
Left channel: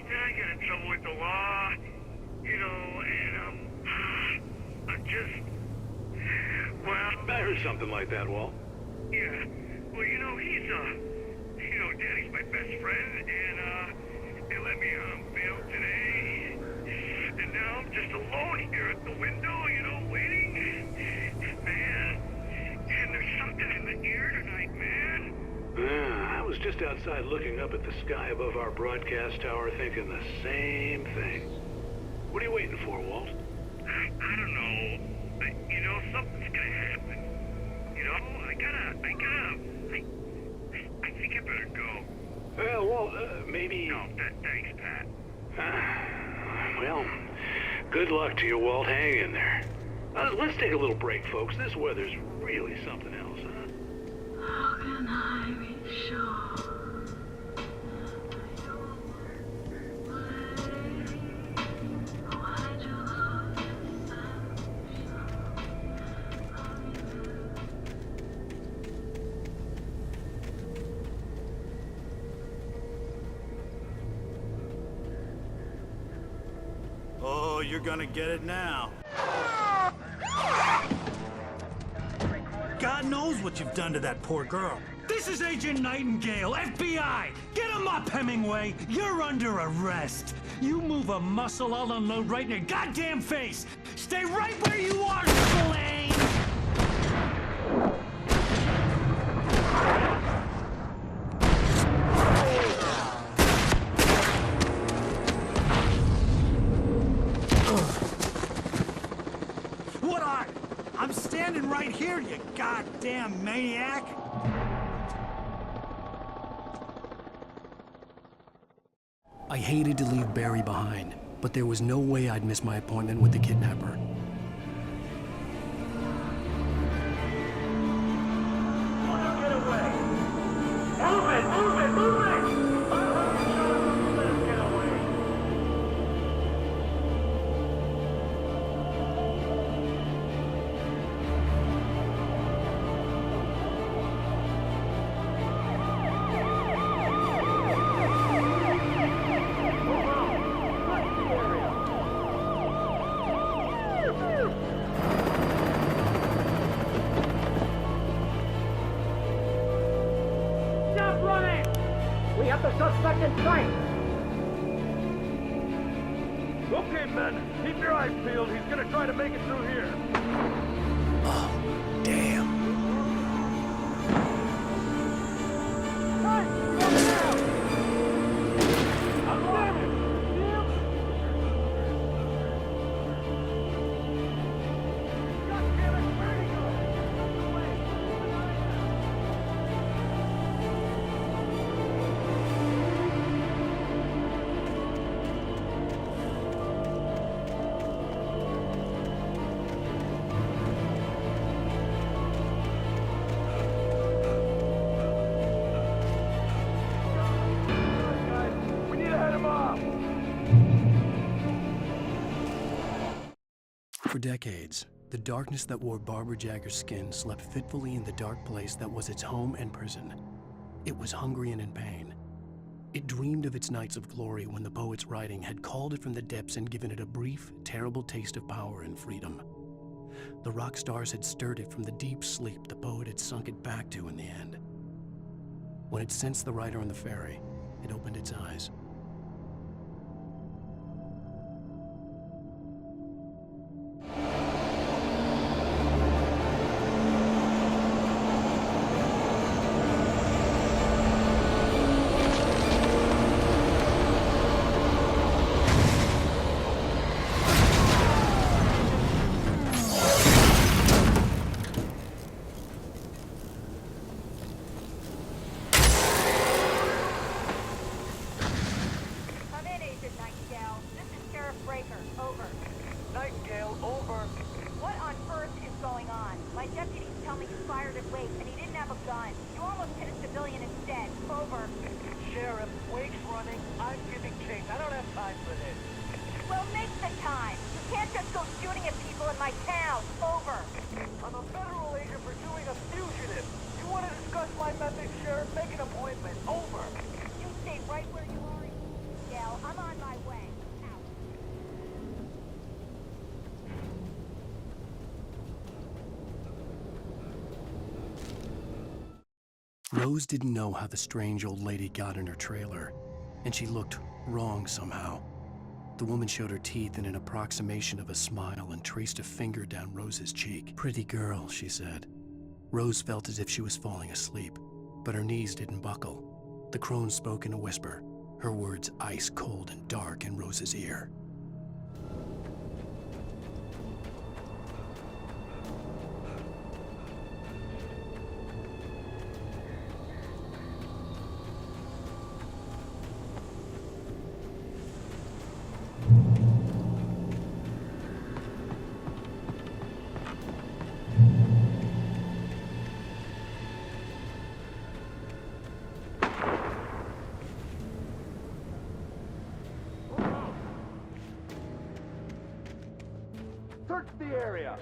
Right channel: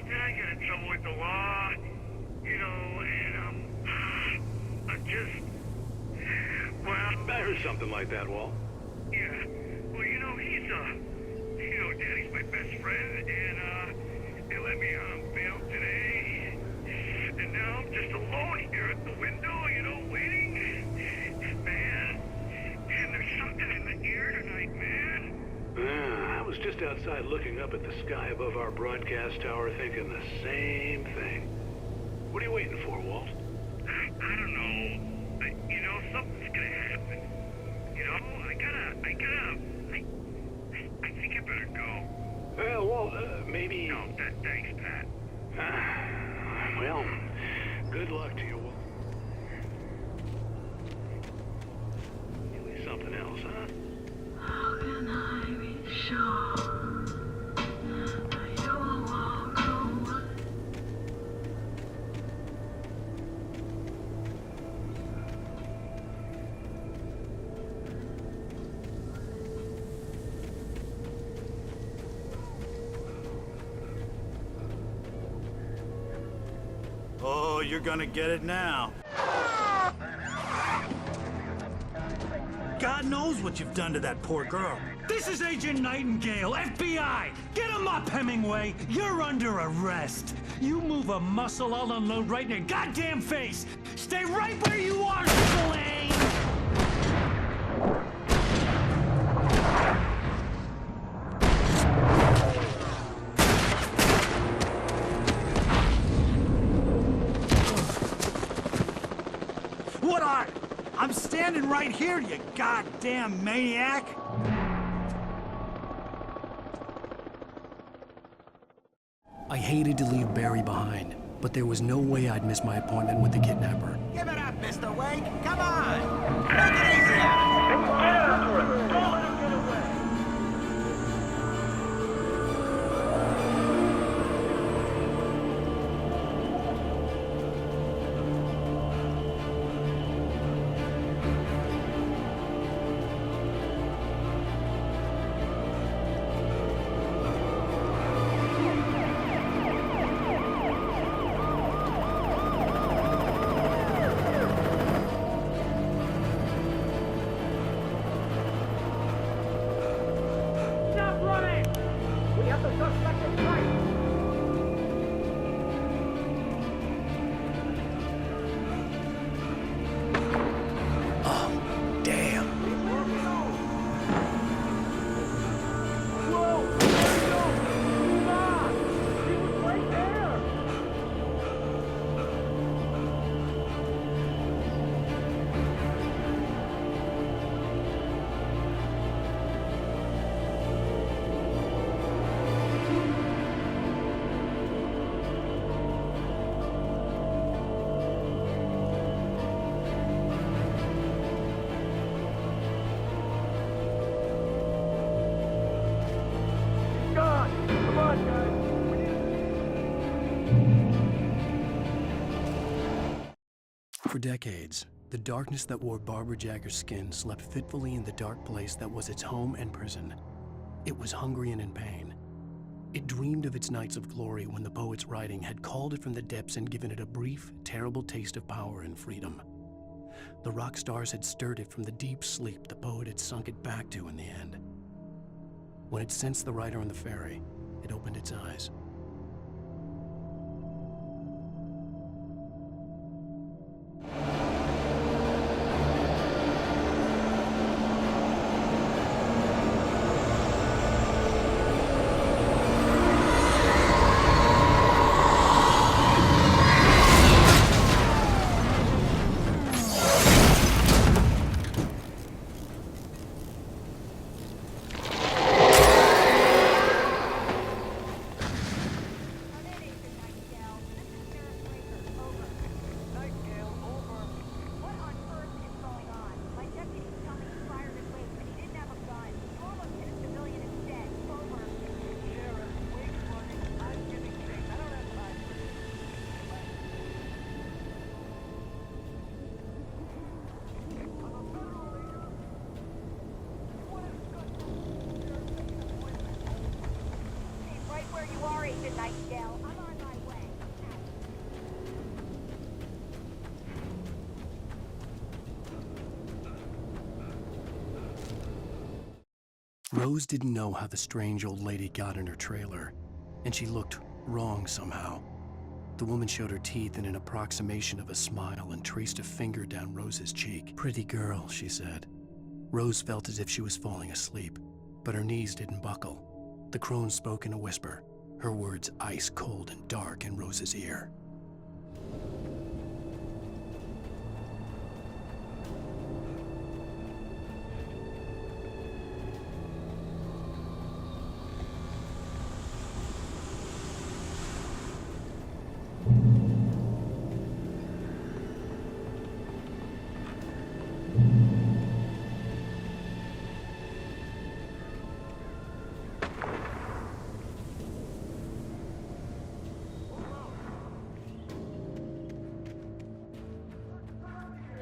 then I got in trouble with the law, you know, and, I'm just, well... I heard something like that, Walt. Yeah, well, you know, Danny's my best friend, and, they let me on bail today, and now I'm just alone here at the window, you know, waiting. Man, and there's something in the air tonight, man. I was just outside looking up at the sky above our broadcast tower thinking the same thing. What are you waiting for, Walt? I don't know. You know, something's gonna happen. You know, I think I better go. Well, Walt, maybe... No, thanks, Pat. Well, good luck to you, Walt. Hang in there. Let's take a little break, folks. This weather's really something else, huh? How can I be sure that you will walk away? Why do Oh, you're gonna get it now. God knows what you've done to that poor girl. This is Agent Nightingale, FBI! Get him up, Hemingway! You're under arrest! You move a muscle, I'll unload right in your goddamn face! Stay right where you are, Slane! What are? I'm standing right here, you goddamn maniac! I hated to leave Barry behind, but there was no way I'd miss my appointment with the kidnapper. Give it up, Mr. Wake. Come on. Make it easy. Get after him! Don't let him get away! Move it! Move it! Move it! Let him get away! Stop running! We have the suspect in sight! Okay, men, keep your eyes peeled. He's gonna try to make it through here. Oh, damn. Come on, guys. We need to head him off. For decades, the darkness that wore Barbara Jagger's skin slept fitfully in the dark place that was its home and prison. It was hungry and in pain. It dreamed of its nights of glory when the poet's writing had called it from the depths and given it a brief, terrible taste of power and freedom. The rock stars had stirred it from the deep sleep the poet had sunk it back to in the end. When it sensed the writer on the ferry, it opened its eyes. Rose didn't know how the strange old lady got in her trailer, and she looked wrong somehow. The woman showed her teeth in an approximation of a smile and traced a finger down Rose's cheek. "Pretty girl," she said. Rose felt as if she was falling asleep, but her knees didn't buckle. The crone spoke in a whisper, her words ice cold and dark in Rose's ear. Search the area.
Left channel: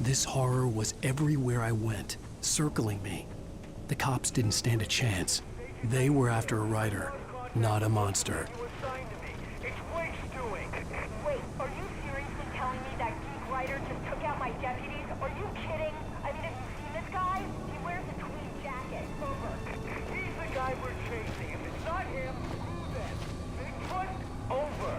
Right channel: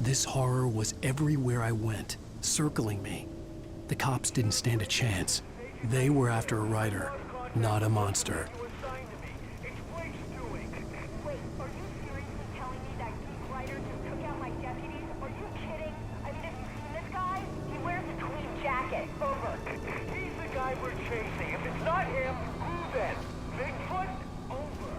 This horror was everywhere I went, circling me. The cops didn't stand a chance. They were after a writer, not a monster. Wait, are you seriously telling me that geek writer just took out my deputies? Are you kidding? I mean, have you seen this guy? He wears a tweed jacket. Over. He's the guy we're chasing. If it's not him, who then? Bigfoot? Over.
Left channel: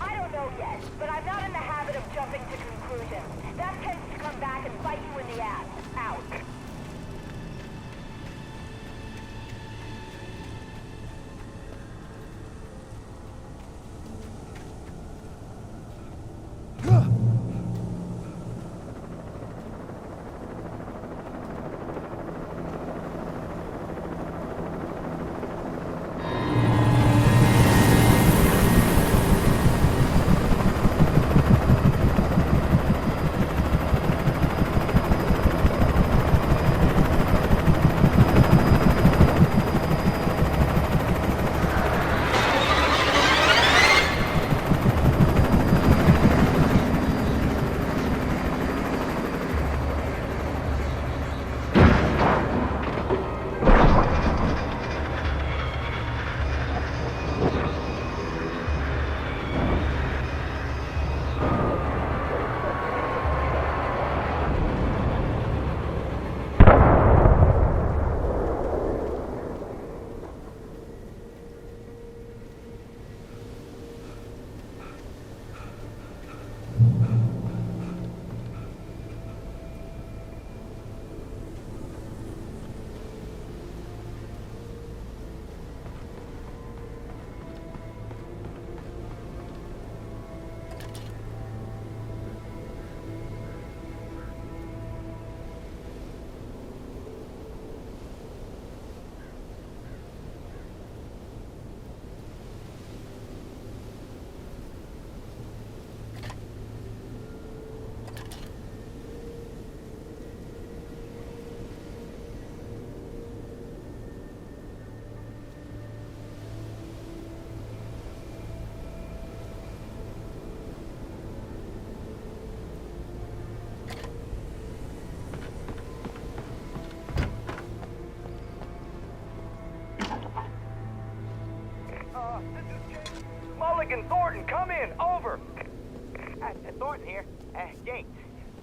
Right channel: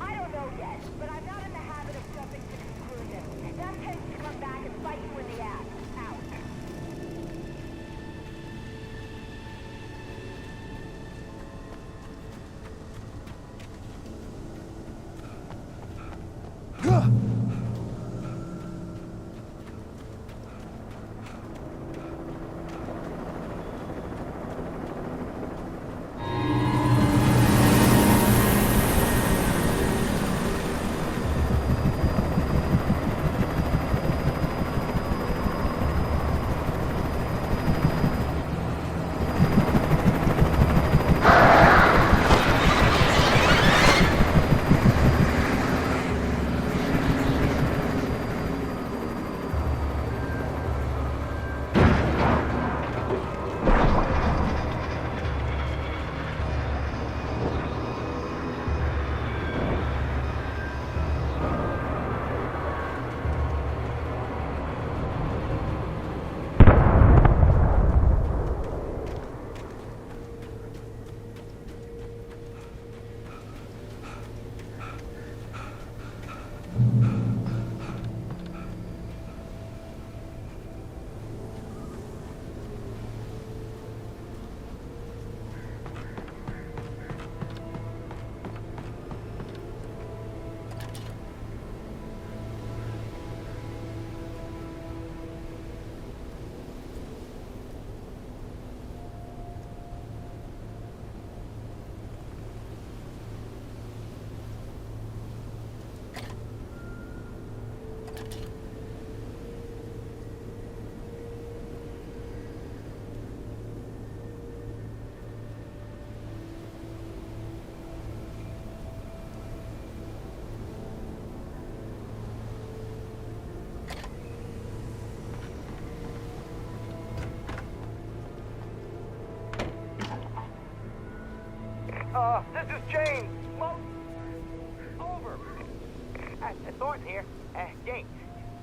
I don't know yet, but I'm not in the habit of jumping to conclusions. That tends to come back and bite you in the ass. Out. This is James. Mulligan, Thornton, come in. Over. Thornton here. James,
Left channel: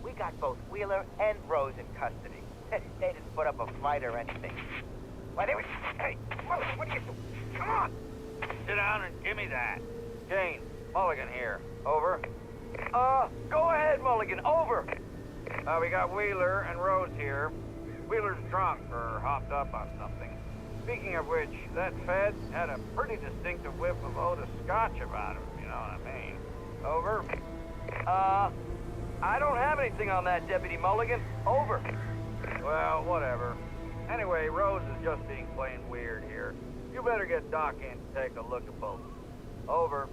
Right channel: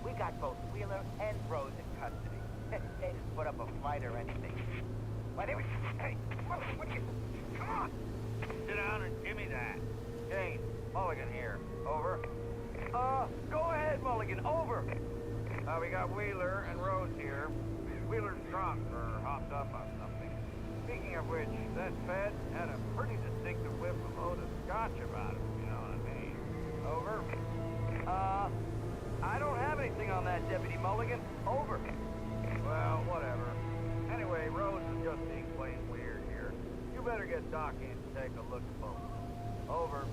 we got both Wheeler and Rose in custody. They didn't put up a fight or anything. Why, they were... Hey, Mulligan, what are you... Come on! Sit down and give me that. James, Mulligan here. Over. Go ahead, Mulligan. Over. We got Wheeler and Rose here. Wheeler's drunk or hopped up on something. Speaking of which, that Fed had a pretty distinctive whiff of Otis Scotch about him, if you know what I mean. Over. I don't have anything on that, Deputy Mulligan. Over. Well, whatever. Anyway, Rose is just being plain weird here. You've better get Doc in to take a look at both. Over.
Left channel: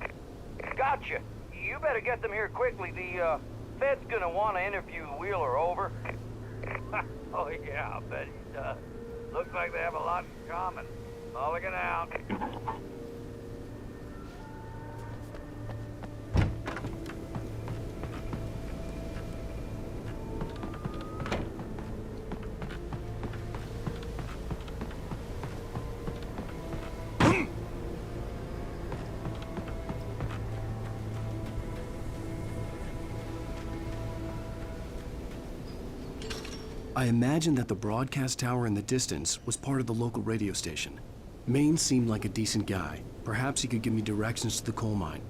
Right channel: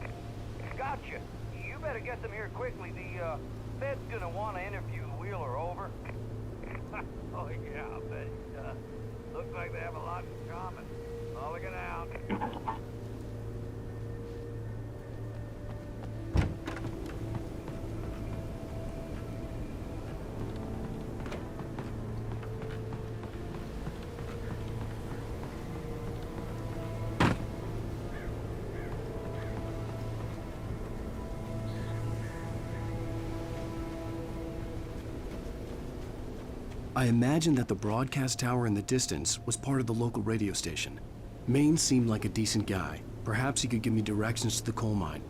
Gotcha. You better get them here quickly. The Fed's gonna want to interview Wheeler. Over. Oh yeah, I'll bet he does. Looks like they have a lot in common. Mulligan out. I imagined that the broadcast tower in the distance was part of the local radio station. Maine seemed like a decent guy. Perhaps he could give me directions to the coal mine.